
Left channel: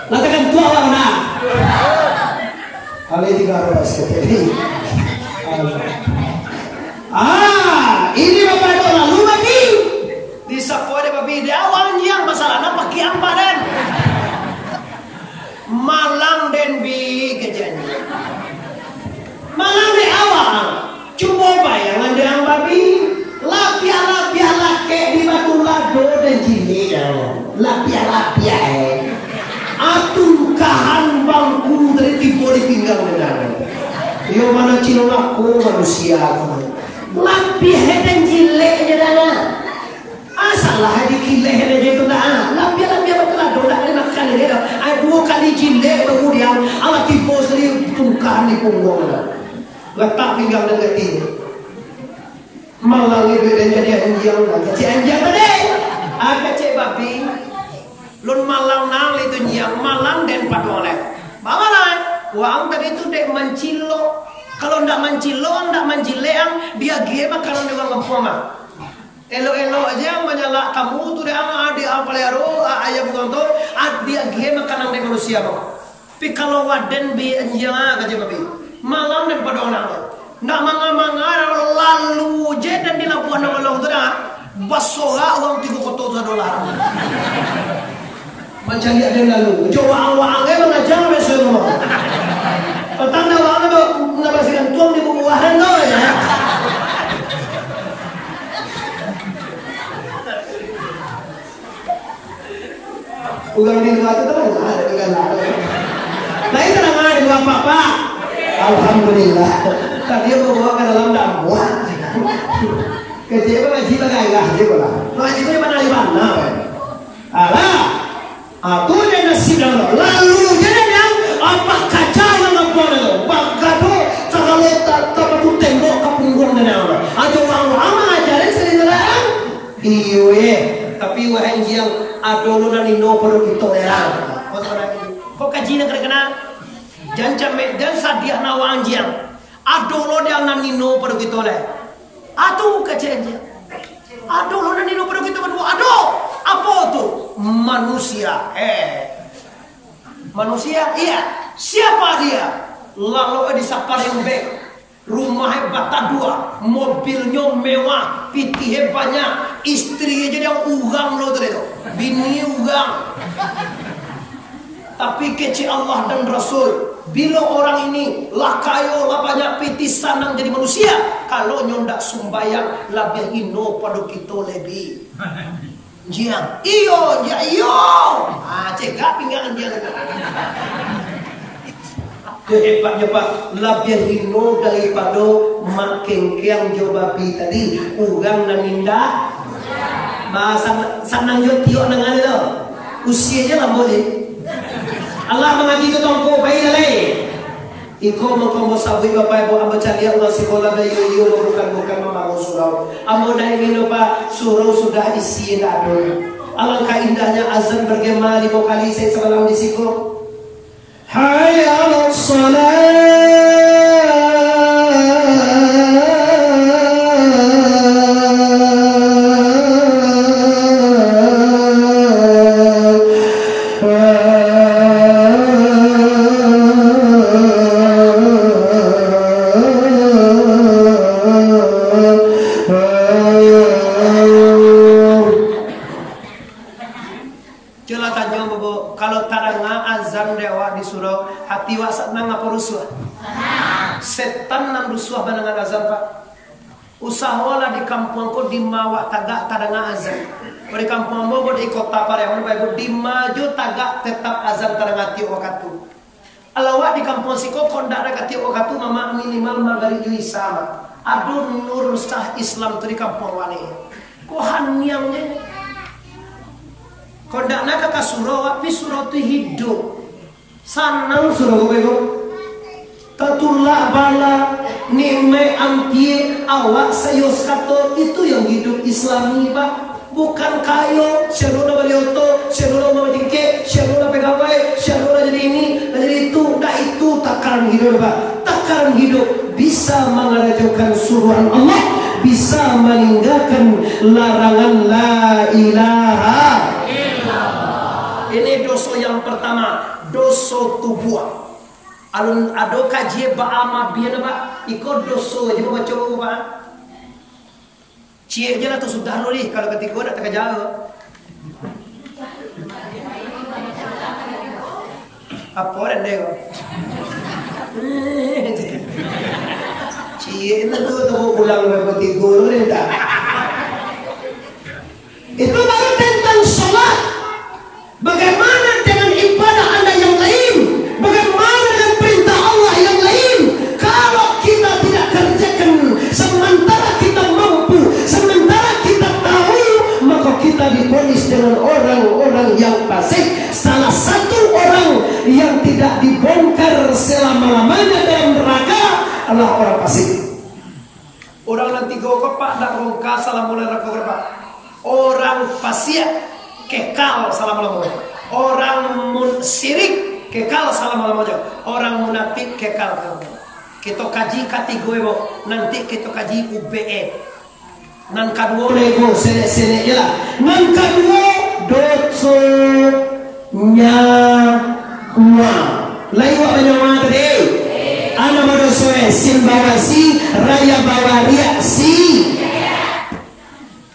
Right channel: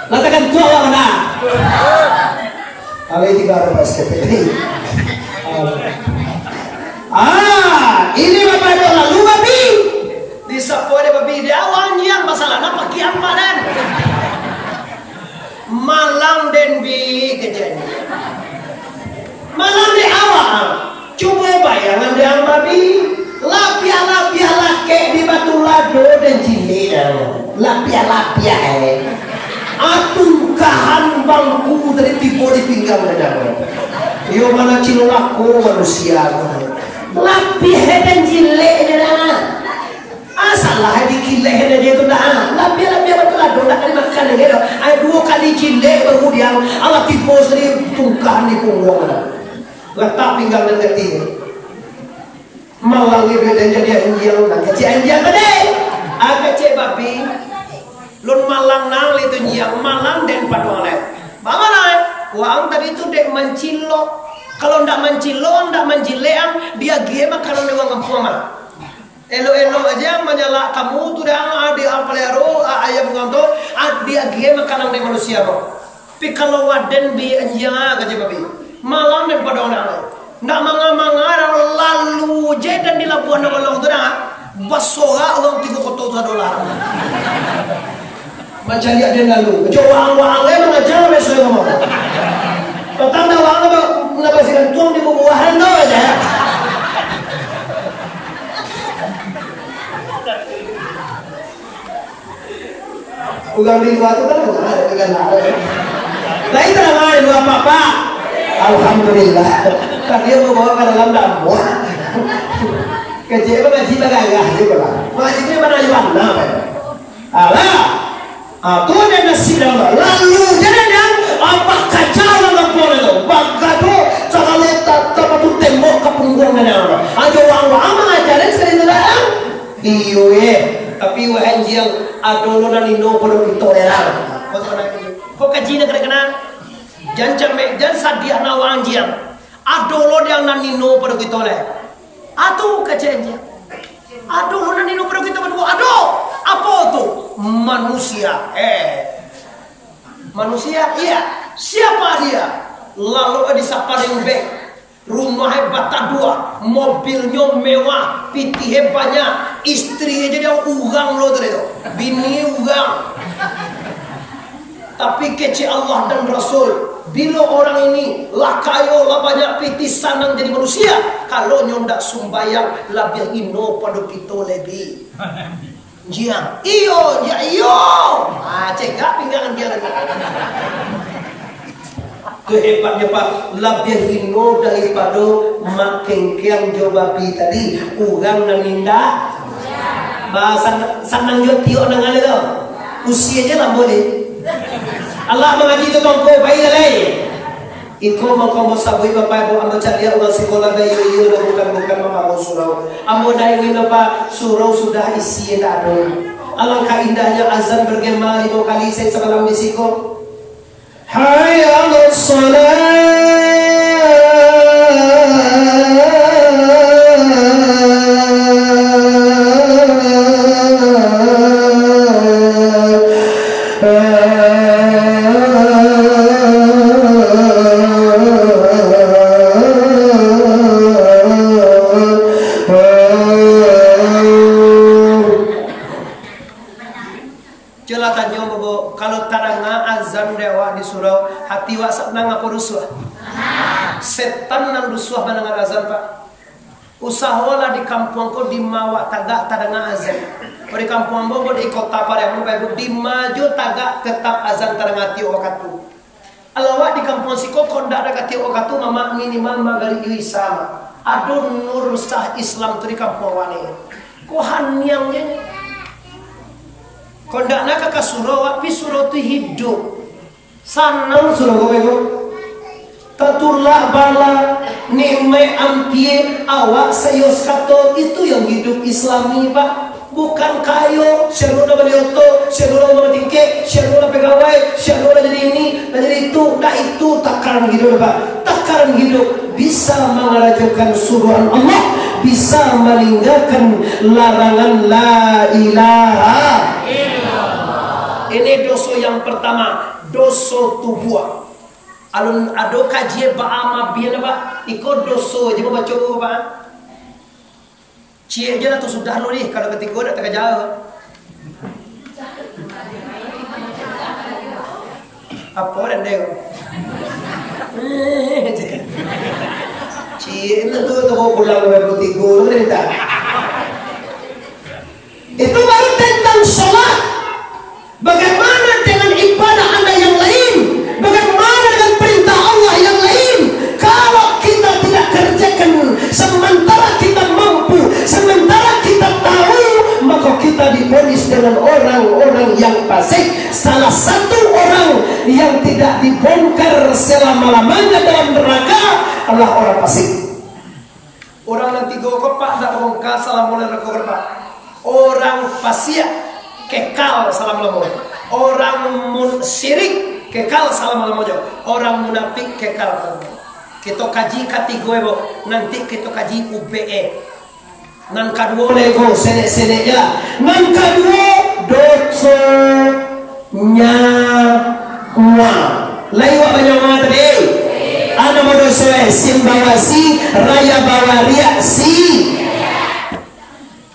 Latakan tua orang mana? Kali juga ada basket ini. Ini bapak itu lalu babi. Di sapo ada babi di awal yang masalah nampak kiam padan. Malang den bi kejadian. Malang di awal. Coba bayangan dengan babi. Lapia laki di batu lado dan cili. Lapia. Yo mana cilolaku manusia. Lapih dan jilek aja dah. Asalah dikileh aja itu dah. Lapih betul lah. Don't nak makan lagi dah. Ay 2 kali jilek baru dia. Allah tipu sendiri tungkah ni punggung. Letak pinggang dan kaki. Malang itu dia jadi anjing dah. Kecik anjing mana? Kecik babi. Lun malang nang itu nyang malang dan paduang lain. Bagaimana lah? Wang tadi itu dek mencilok. Kalau ndak mencilok, ndak menjileang, dia gie makanan orang kampung mah. Elo-elo aja menyala tamu tu dia dia pelero ayam nganto, dia gie makanan dari manusia mah. Tapi kalau waden bi anjang aja babi. Malang dan paduang lain. Ndak manga-manga lalu je dan di Labuan Nogolong tu dah. Basoga orang 3 kotor $1. Mencari ada lalu. Jawang-wangnya mengajar besok ngomong. Petanda wangnya nabasikan tuang di bubuahan tau aja. Ugang di luar itu terang ada dengan ada. Lain terang ada dua apa-apa. Alhamdulillah. Kan dia membawa ke dalam dapur. Kecil apa ngaji bagagah juga lah. Ngaji itu mana di mana? Alah. Aku ada nasib dalam lalu jadi yang apa kacau dengan kampung itu. Bagado kalau tak tu tembok ke punggung dan yang aja wang-wang mengajarin sekali dalam. Iyo tapi wahan yang adolo na nino pada kita lelang. Kok kaji nak kena? Jangan camek, jangan sadiah nawang jiang. Adolo dia na nino pada kita le. Atu kajian jiang. Adolo na nino pada kita berdua. Ado apa tu? Manusia. Manusia? Iya. Siapa dia? Lalu di Saparing Bank. Rumahnya bata 2, mobilnya mewah, pitihnya banyak, istrinya jadi ugang lo tuh itu, bini ugang. Tapi kece Allah dan Rasul, bila orang ini lakayo lah banyak pitih sanang jadi manusia, kalau nyondak sumbayang labih ino pada kita lebih. Jiang, iyo, cegak pinggangan dia. Itu hebatnya Pak, lebih ino daripada mak kengkeng jobapi tadi, urang dan ninda. Bahasa sanang jo tiok nang ale tu. Usia je lah boleh. Allah mengaji tu tongko bayi lalai. Iko mengkombo sabui bapak ibu ambo cari Allah sekolah bayi yo bukan mama surau. Ambo dah ingin apa surau sudah isi dah ada. Alangkah indahnya azan bergema 5 kali saya semalam di siko. Hayya 'alas salat. Kalau taranga azan dewa di surau hati wa senang apa rusuh? Setan nang rusuh banangan azan Pak. Usahalah di kampung ko di mawa tagak taranga azan. Ko di kampung mo di kota Pariaman Pak di maju tagak tetap azan taranga tio wakatu. Alawak di kampung siko kondak ada tio wakatu mama minimal magari jui sama. Aduh nur sah Islam tu di kampung wane. Ko hanyangnya kondak nak ke surau, tapi surau tu hidup. Sanang surau kau Tatulah bala nimai ampie awak sayos kato itu yang hidup Islami Pak. Bukan kayo, syaruna balioto, syaruna mamatingke, syaruna pegawai, syaruna jadi ini, jadi itu. Nah itu takaran hidup Pak. Takaran hidup bisa mengarajukan suruhan Allah, bisa meninggalkan larangan la ilaha. Ini dosa yang pertama, dosa tubuh. Alun ado kaji baama biana Pak, ikut dosa aja baca buku Pak. Cie je lah tu sudah lo ni kalau ketika dak tak jauh. Apa dan dek? Cie itu tu pulang ke ketika ni dah. Itu baru tentang salat. Bagaimana dengan ibadah Anda yang lain? Bagaimana dengan perintah Allah yang lain? Kalau Pak tak bongkar salam mulai rekor Pak. Orang fasik kekal salam mulai. Orang syirik kekal salam mulai. Orang munafik kekal salam. Kita kaji kategori bo. Nanti kita kaji UBE. Nan kedua lego sene lah. Nan kedua dosa nyawa. Lain buat banyak mana tadi? Ana madosoe simbawasi raya bawaria si.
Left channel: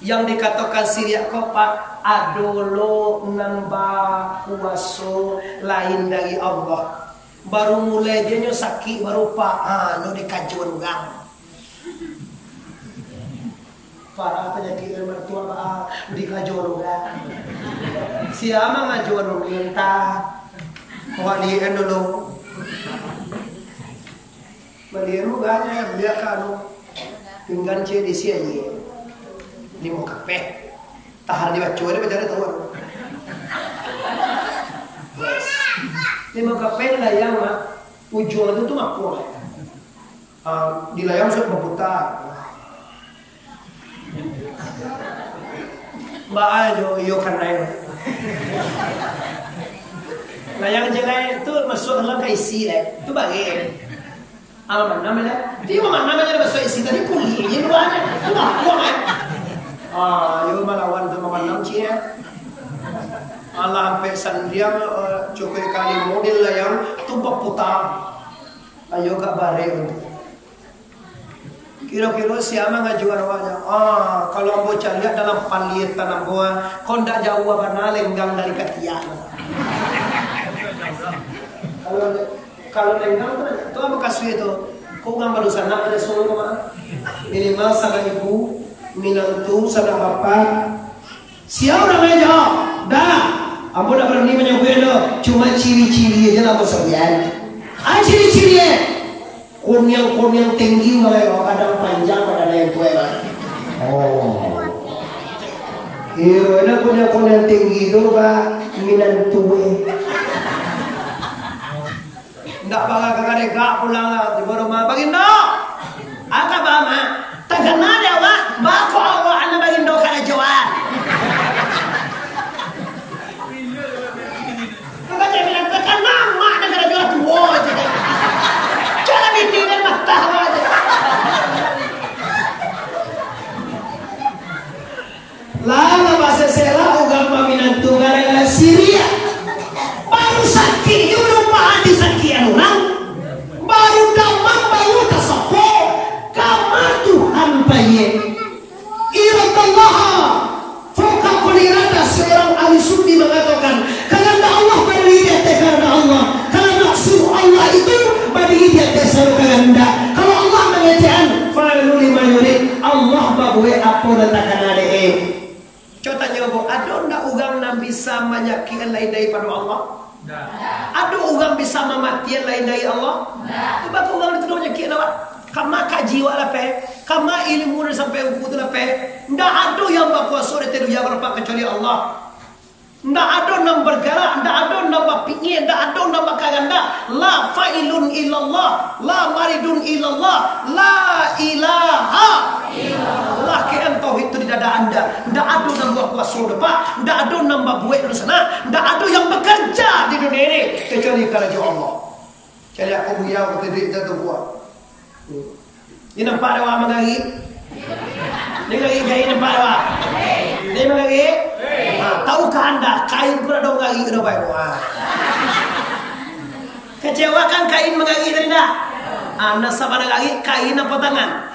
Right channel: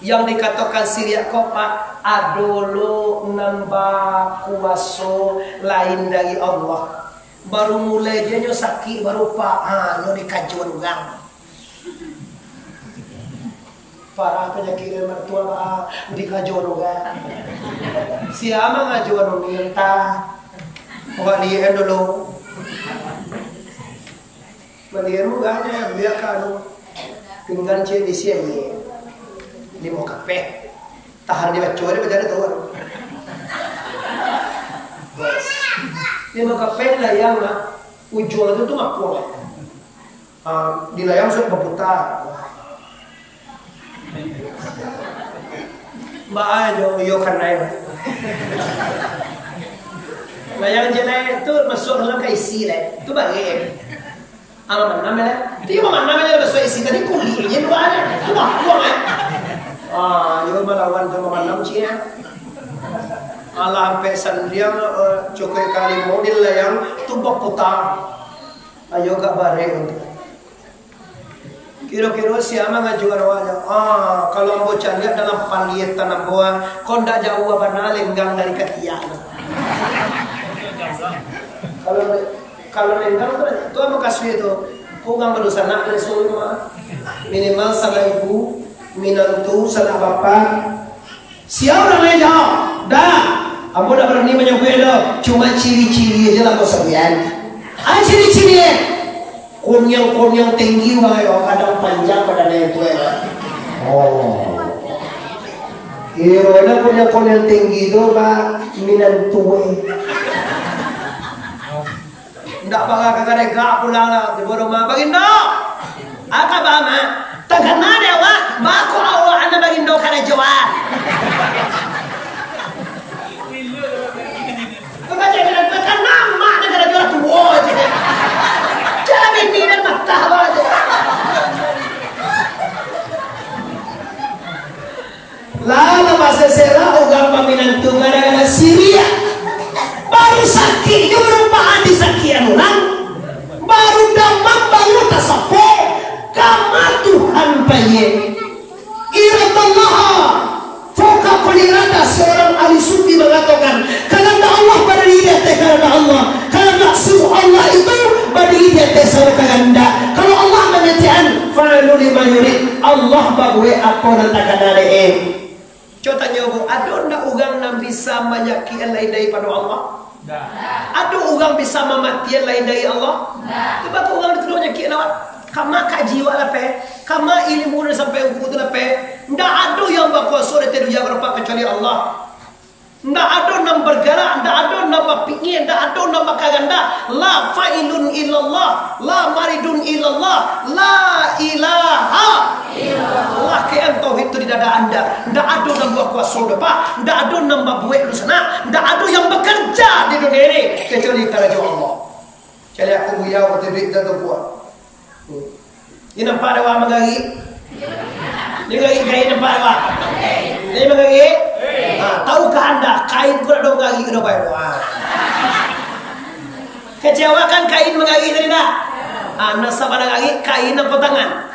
Yang dikatakan Syria kok Pak adolo nambah kuaso lain dari Allah. Baru mulai dia nyo sakit baru Pak nyo dikajuan ugang. Para penyakit mertua Pak dikajuan ugang. Siapa ngajuan minta? Walian dulu. Malian uganya biar kanu pinggan cie di sini. Limo kape tahan di bacua dia berjari tuan. Limo kape layang ujung itu makpul. Di layang sok berputar. Mbak aja yo karena layang jenai itu masuk dalam kaisi lah. Itu bagian. Alaman namanya. Dia mana namanya masuk isi tadi kuliahnya dulu ada. Itu makpul lah. Yo melawan sama manam cia. Allah sampai sandriang cukup kali model lah yang tumpah putar. Ayo gak bare untuk. Kira-kira siapa ngajuan wajah? Kalau ambo lihat dalam paliet tanam buah, kondak jauh apa lenggang dari ketiak. Kalau lenggang itu apa kasih itu? Kau nggak berusaha nak resul mah minimal salah ibu. Minantu sanak bapak. Siapa orang lain jawab? Dah, ambo dah berani menyebut cuma ciri-ciri aja lah kau sekian. Ciri-ciri kunyang tinggi wae, kadang panjang kadang yang tua lah. Iya, ada kunyang tinggi itu Pak minantu. Ndak bangga kagak gak pulang lah di rumah bagindo. Aka bama tagana dewa bako Allah ana bagindo kana jawab. Baca bilang kan nama negara jual tua aja. Cara bini dan matah aja. Lama bahasa sera agama minantu gara-gara Syria. Baru sakit juga berupaan di sakian orang. Baru damang baru tersepo. Kama Tuhan baye. Iratallah. Foka kulirada seorang ahli sufi mengatakan. Karena Allah pada diri karena Allah. Karena suruh Allah itu pada diri selalu kalanda. Kalau Allah mengatakan fa'alu lima yurid. Allah bagwe apa natakan dari Coba tanya bu, ada ndak ugang yang bisa menyakiti lain daripada Allah? Ada ugang bisa mematian lain dari Allah? Itu bakal ugang itu menyakiti awak. Kama kajiwa lah pe, kama ilmu sampai uku tu lah pe. Ndak ada yang berkuasa di dunia kalau kecuali Allah. Ndak ada yang bergerak, ndak ada yang berpikir, ndak ada yang berkaganda. La fa'ilun illallah, la maridun illallah, la ilaha Allah kean tauhid itu di dada anda. Ndak ada yang buat kuasa Pak. Ndak ada yang buat lu sana. Ndak ada yang bekerja di dunia ini kecuali kerja Allah. Jadi aku biar aku tidak jatuh kuat. Ini nampak ada wah magari. Ini gari kain nampak ada wah. Ini magari. Tahukah anda kain kurang dong gari kena baik wah. Kecewa kan kain magari tadi dah. Nasabah gari kain apa tangan.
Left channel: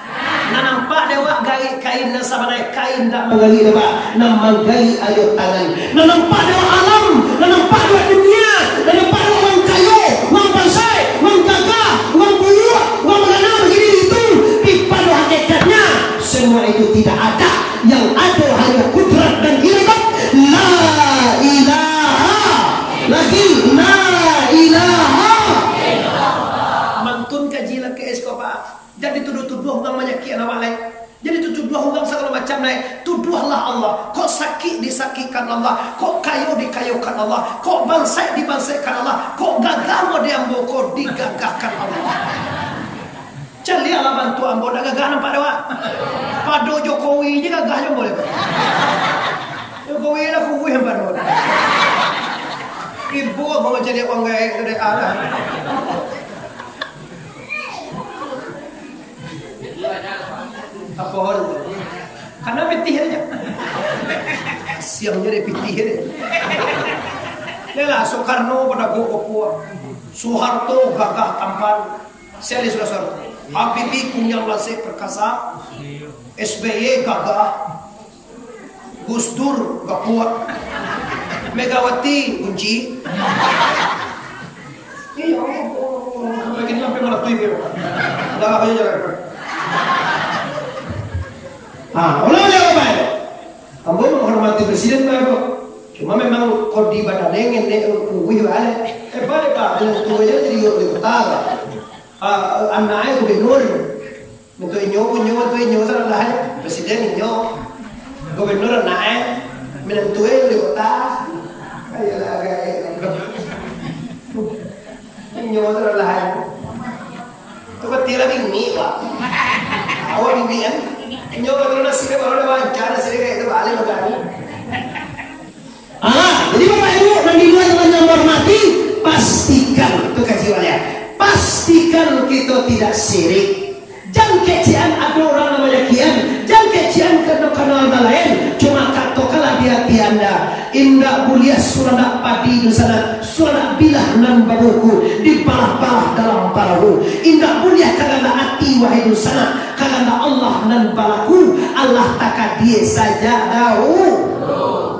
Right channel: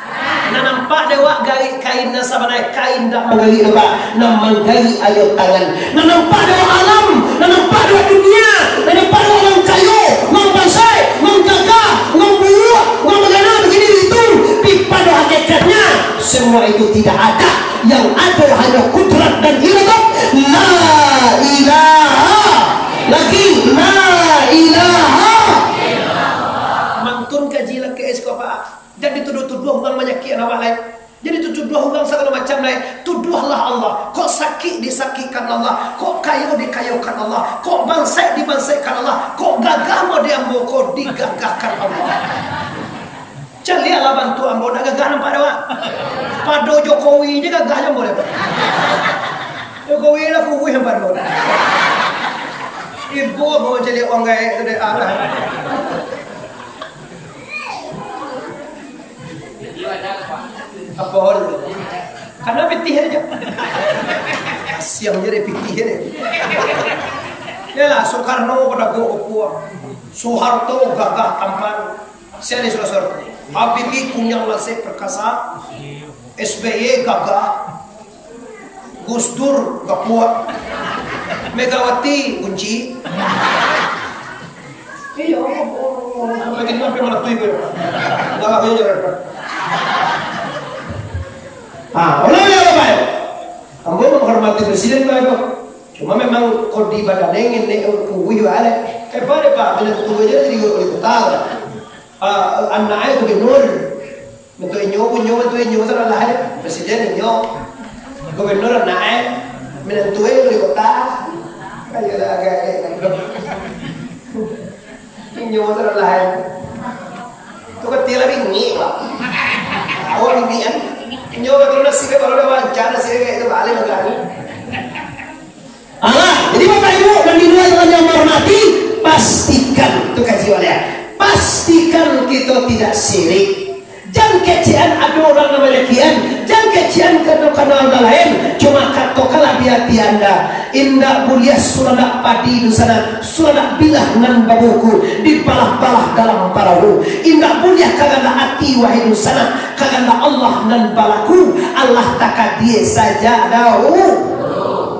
Na nampak dewa gari kain na sabanay kain dak manggali ba na manggali ayo tangan na nampak dewa alam na nampak dewa dunia na nampak dewa mang kayo mang bansay mang jaga mang buruh mang magana begini itu pipa doa hakikatnya semua itu tidak ada yang ada hanya kudrat dan iradat la ilaha lagi la ilaha mantun kajilah ke eskopa. Jadi tuduh-tuduh orang menyakiti anak lain. Jadi tuduh orang segala macam lain. Tuduhlah Allah. Kok sakit disakitkan Allah. Kok kayu dikayukan Allah. Kok bansai dibansaikan Allah. Kok gagah mau diambil. Kok digagahkan Allah. Calialah bantu ambo. Dah gagah nampak dah. Pado Jokowi aja gagah aja boleh. Jokowi lah kuwi yang baru. Ibu mau jadi uang gaya dari arah. Apa hal? Karena pitih aja. Siang jadi pitih aja. Yalah Soekarno pada gua Soeharto gagah tampan. Seli Soeharto. Habibie kunyang lase perkasa. SBY gagah. Gus Dur gapua. Megawati kunci. Iya, sampai gini sampai mana tuh ibu? Gagah aja jalan. Ulah ya Bapak. Ambo menghormati presiden Bapak. Cuma memang kodi badannya ini wih balik. Pada Pak, bilang tunggu aja jadi wali kota. Anaknya gubernur. Bentuk inyo sana lah presiden inyo. Gubernur anaknya menentuin wali kota. Ayolah agak inyo sana lah. Itu kan tiada bingi Pak. Awak bingi kan? Inyo kalau nasibnya baru ada wawancara sih kayak itu balik lagi. Jadi Bapak Ibu dan Ibu yang menghormati, pastikan itu kaji ya. Pastikan kita tidak sirik. Jangan kecian ada orang namanya kian. Jangan kecian karena lain. Cuma katokalah di hati anda. Indah mulia suranak padi di sana. Suranak bilah nan babuku. Dibalah-balah dalam parahu. Indah mulia kaganda hati wahai di sana. Kaganda Allah nan balaku. Allah takkan dia saja tahu.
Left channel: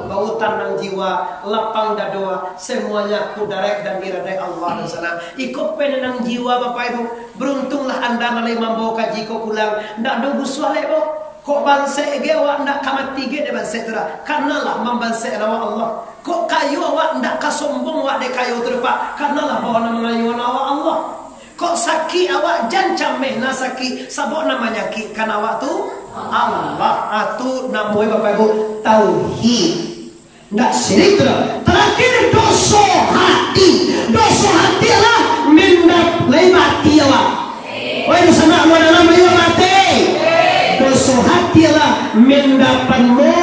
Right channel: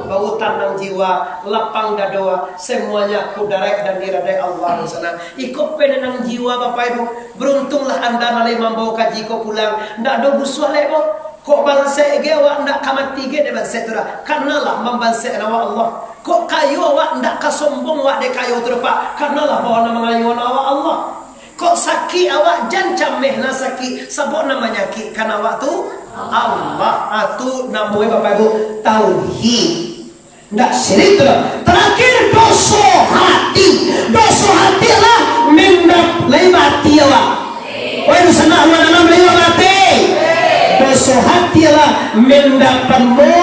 Bau tanang jiwa, lapang dadoa, semuanya kudarek dan diradai Allah di sana. Ikut penenang jiwa Bapak Ibu. Beruntunglah anda nalai mambawa kaji kau pulang. Ndak do guswale bo. Kok banse ge awak ndak kamati ge de banse tura. Karnalah membanse nawa Allah. Kok kayu awak ndak kasombong awak de kayu tura Pak. Karnalah bawa nama ngayu nawa Allah. Kok saki awak jancam mehna saki sabok namanya ki kan awak tu Allah. Atu namanya Bapak Ibu tauhid. Ndak syirik tu. Terakhir dosa hati. Dosa hati lah mendap leibati awak. Woi dosa nak dalam leibati. Dosa hati lah mendapanmu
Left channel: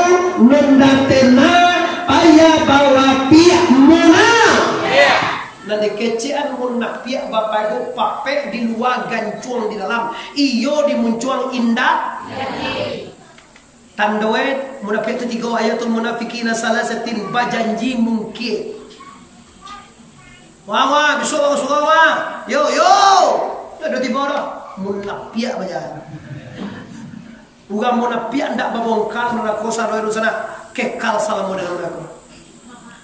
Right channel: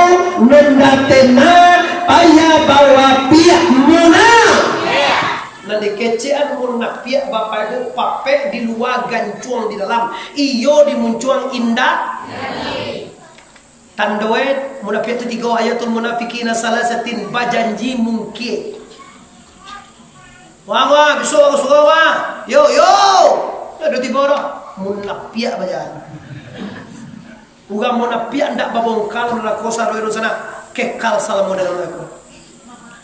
mendatena ayah bawa pihak muna. Nanti kecean muna pihak Bapak Ibu pape di luar gancuang di dalam. Iyo dimuncuang indah. Tandoet munafiq itu 3 ayatul munafiqina salasatin bajanji mungkin. Wah besok aku suka wah. Yo. Ada tiba dah munafiq bajan. Uga munafiq ndak babongkal melakosa roe sana kekal salamu dalam aku.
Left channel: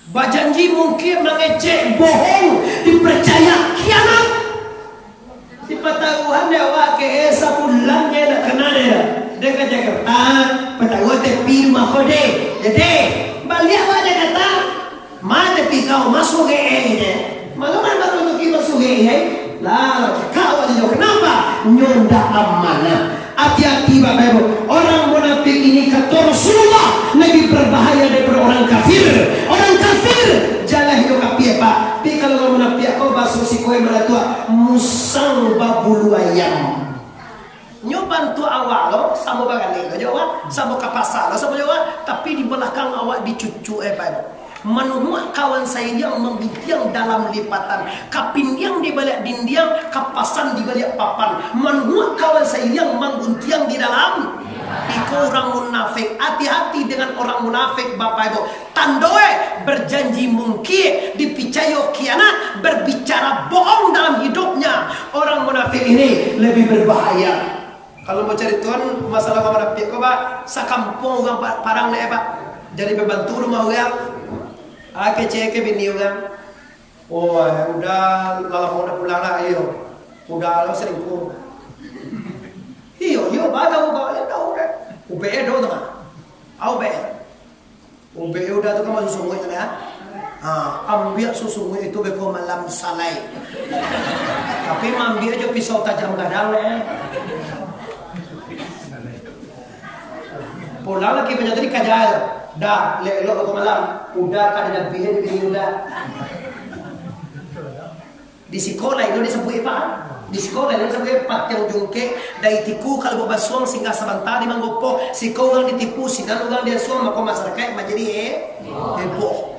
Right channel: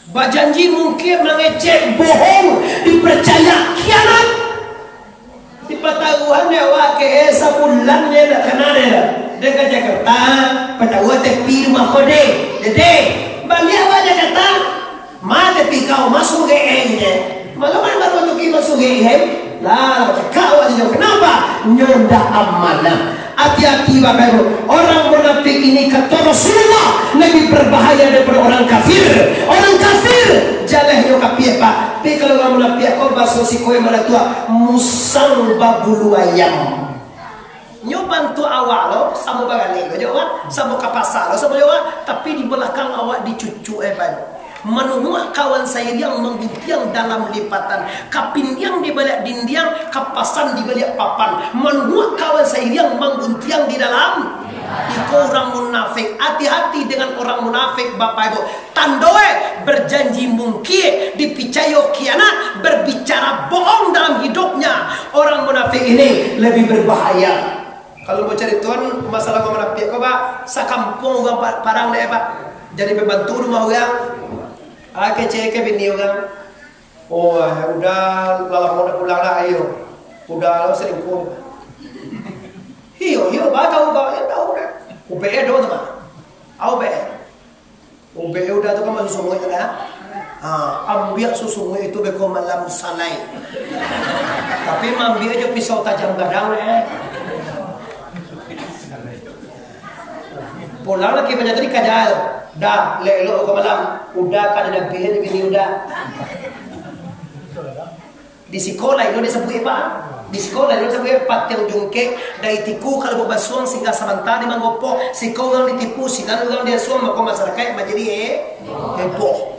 Bajanji mungkin mengecek bohong dipercaya kianat. Dipatahuan dewa ke sapulannya nak kenal dengan Jakarta patawa tepi rumah kode jadi balik awak Jakarta ma tepi kau masuk ke ini malam baru untuk masuk ke ini lah cakap awak jauh kenapa nyonda amanah. Hati-hati Bapak Ibu, orang munafik ini kata Rasulullah lebih berbahaya daripada orang kafir. Orang kafir jalah yo kapie Pak. Tapi kalau orang munafik kau basuh si koe mana tua musang babulu ayam. Nyo bantu awak lo sama bagale lo jawab sama kapasa lo sama jawab tapi di belakang awak dicucu Pak. Menuhuk kawan saya yang menggutiang dalam lipatan, kapindiang di balik dindiang, kapasan di balik papan. Menuhuk kawan saya yang menggutiang di dalam. Iko orang munafik. Hati-hati dengan orang munafik Bapak Ibu. Tandoe berjanji mungkin, dipicayo kianat, berbicara bohong dalam hidupnya. Orang munafik ini lebih berbahaya. Kalau mau cari tuan masalah kau munafik kau Pak, sakampung orang parang deh Pak. Jadi pembantu rumah orang. Kecil ke bini orang. Oh udah lalang udah pulang dah ayo. Udah lo selingkuh. Hiyo ba tahu ba ya tahu dah. UBE do tu mah. UBE udah tu kan masuk sungai tu dah. Ambil susungai itu beko malam salai. Tapi ambil aja pisau tajam gadang pulang lagi banyak tadi kajal. Dah lelok ke malam. Udah kan ada bini udah. Di sekolah itu disebut apa? di sekolah itu sebagai pat yang jungke dari tiku kalau basuang sehingga sebentar di manggopo si kau gang ditipu si nanu gang dia suang mako masyarakat menjadi heboh.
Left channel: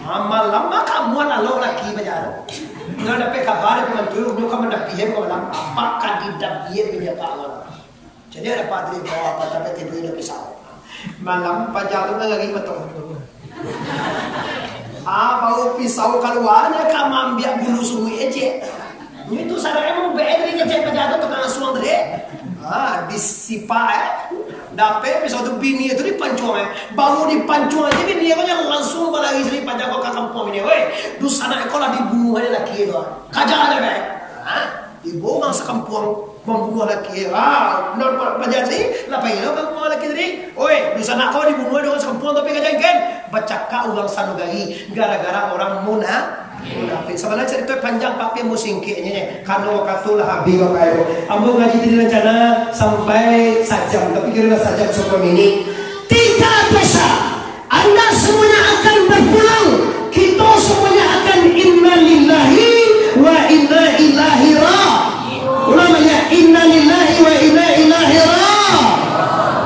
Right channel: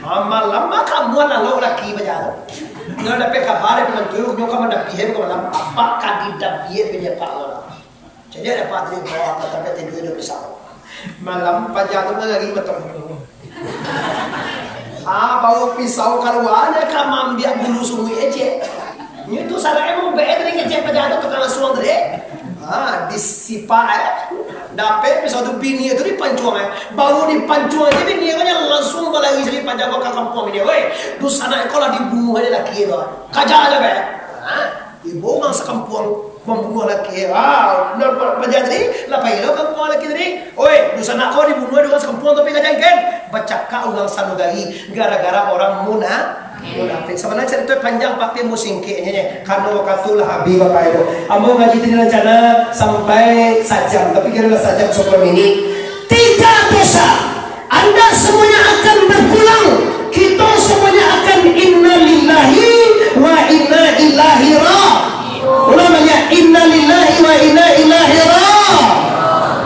Malam kamu lalu laki bajaran. Nggak dapat kabar pengantu nyoka mendapihe malam apa kandidat dia di media pak Allah. Jadi ada padri bawa apa tapi tidur di pisau. Malam pajalan lagi betul. Bawa pisau keluarnya kamu ambil bulu sungai aja. Itu sarang emang bedri kecil pajalan tukang suang deh. Disipa dapet pisau tu bini itu dipancuang baru dipancuang aja bini nya langsung balagi jadi panjang ke kampung ini. Weh, du sana ekola dibunuh aja laki itu. Kaja aja be. Dibuang sekampung membunuh laki. Panjang tadi, lapai lo kampung laki tadi. Oi, du sana kau dibunuh dengan sekampung tapi kaja kan. Bacaka ulang sanugari gara-gara orang munafik. Sebenarnya cerita panjang pakai musingke nya karena waktu lah habis bapak ibu. Ambo ngaji tadi rencana sampai sajam, tapi kira sajam sebelum ini. 3 dosa Anda semuanya akan berpulang. Kita semuanya akan inna lillahi wa inna ilaihi raji'un. Namanya inna lillahi wa inna ilaihi raji'un.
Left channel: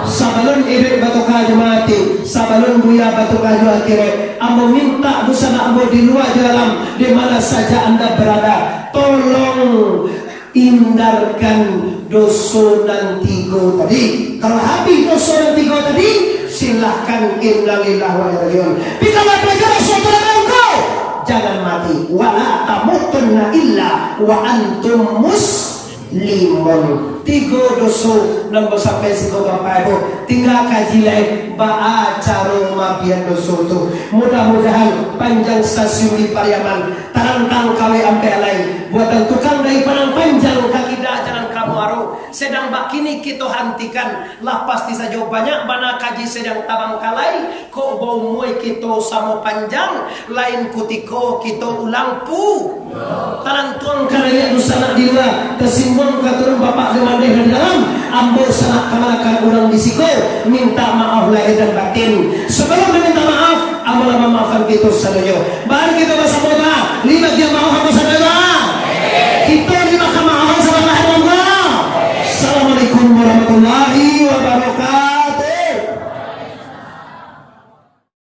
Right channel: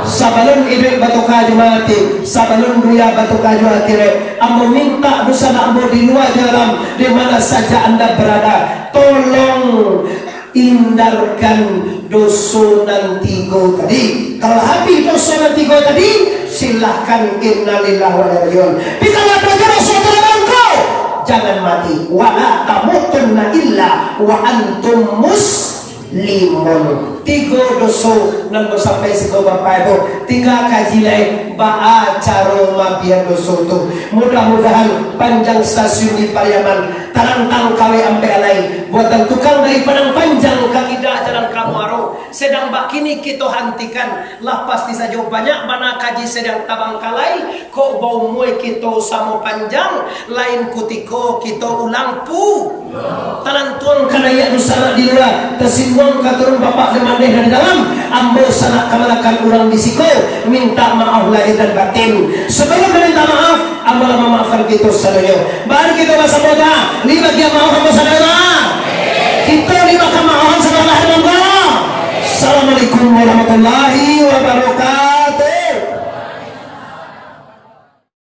Sabalun idul batu kaju mati, sabalun buya batu kaju akhirat. Ambo minta busana ambo di luar jalan, di mana saja Anda berada, tolong hindarkan dosa tiga tadi. Kalau habis dosa tiga tadi, silahkan innalillahi wa inna ilaihi raji'un. Tapi kalau ada dosa engkau, jangan mati. Wala tamutunna illa wa antum muslimun. 3 dosa nang sampai siko bapak ibu tinggal kaji lain baca cara mabian dosa tu. Mudah-mudahan panjang stasiun di Pariaman tarantang kawe ampe alai buatan tukang dari Padang Panjang kaki dah jalan kamu aro sedang bak kini kita hentikan lah pasti saja banyak mana kaji sedang tabang kalai kok bau muai kita sama panjang lain kutiko kita ulang pu talantuan karaya nusana di luar tersinggung katurun bapak dengan dari dalam ambo sana kamalakan orang di siko minta maaf lahir dan batin. Sebelum minta maaf ambo memaafkan kita sadaya. Baru kita bahasa boga lima dia maaf ambo sadaya. Kita lima kamaafan sadaya. Assalamualaikum warahmatullahi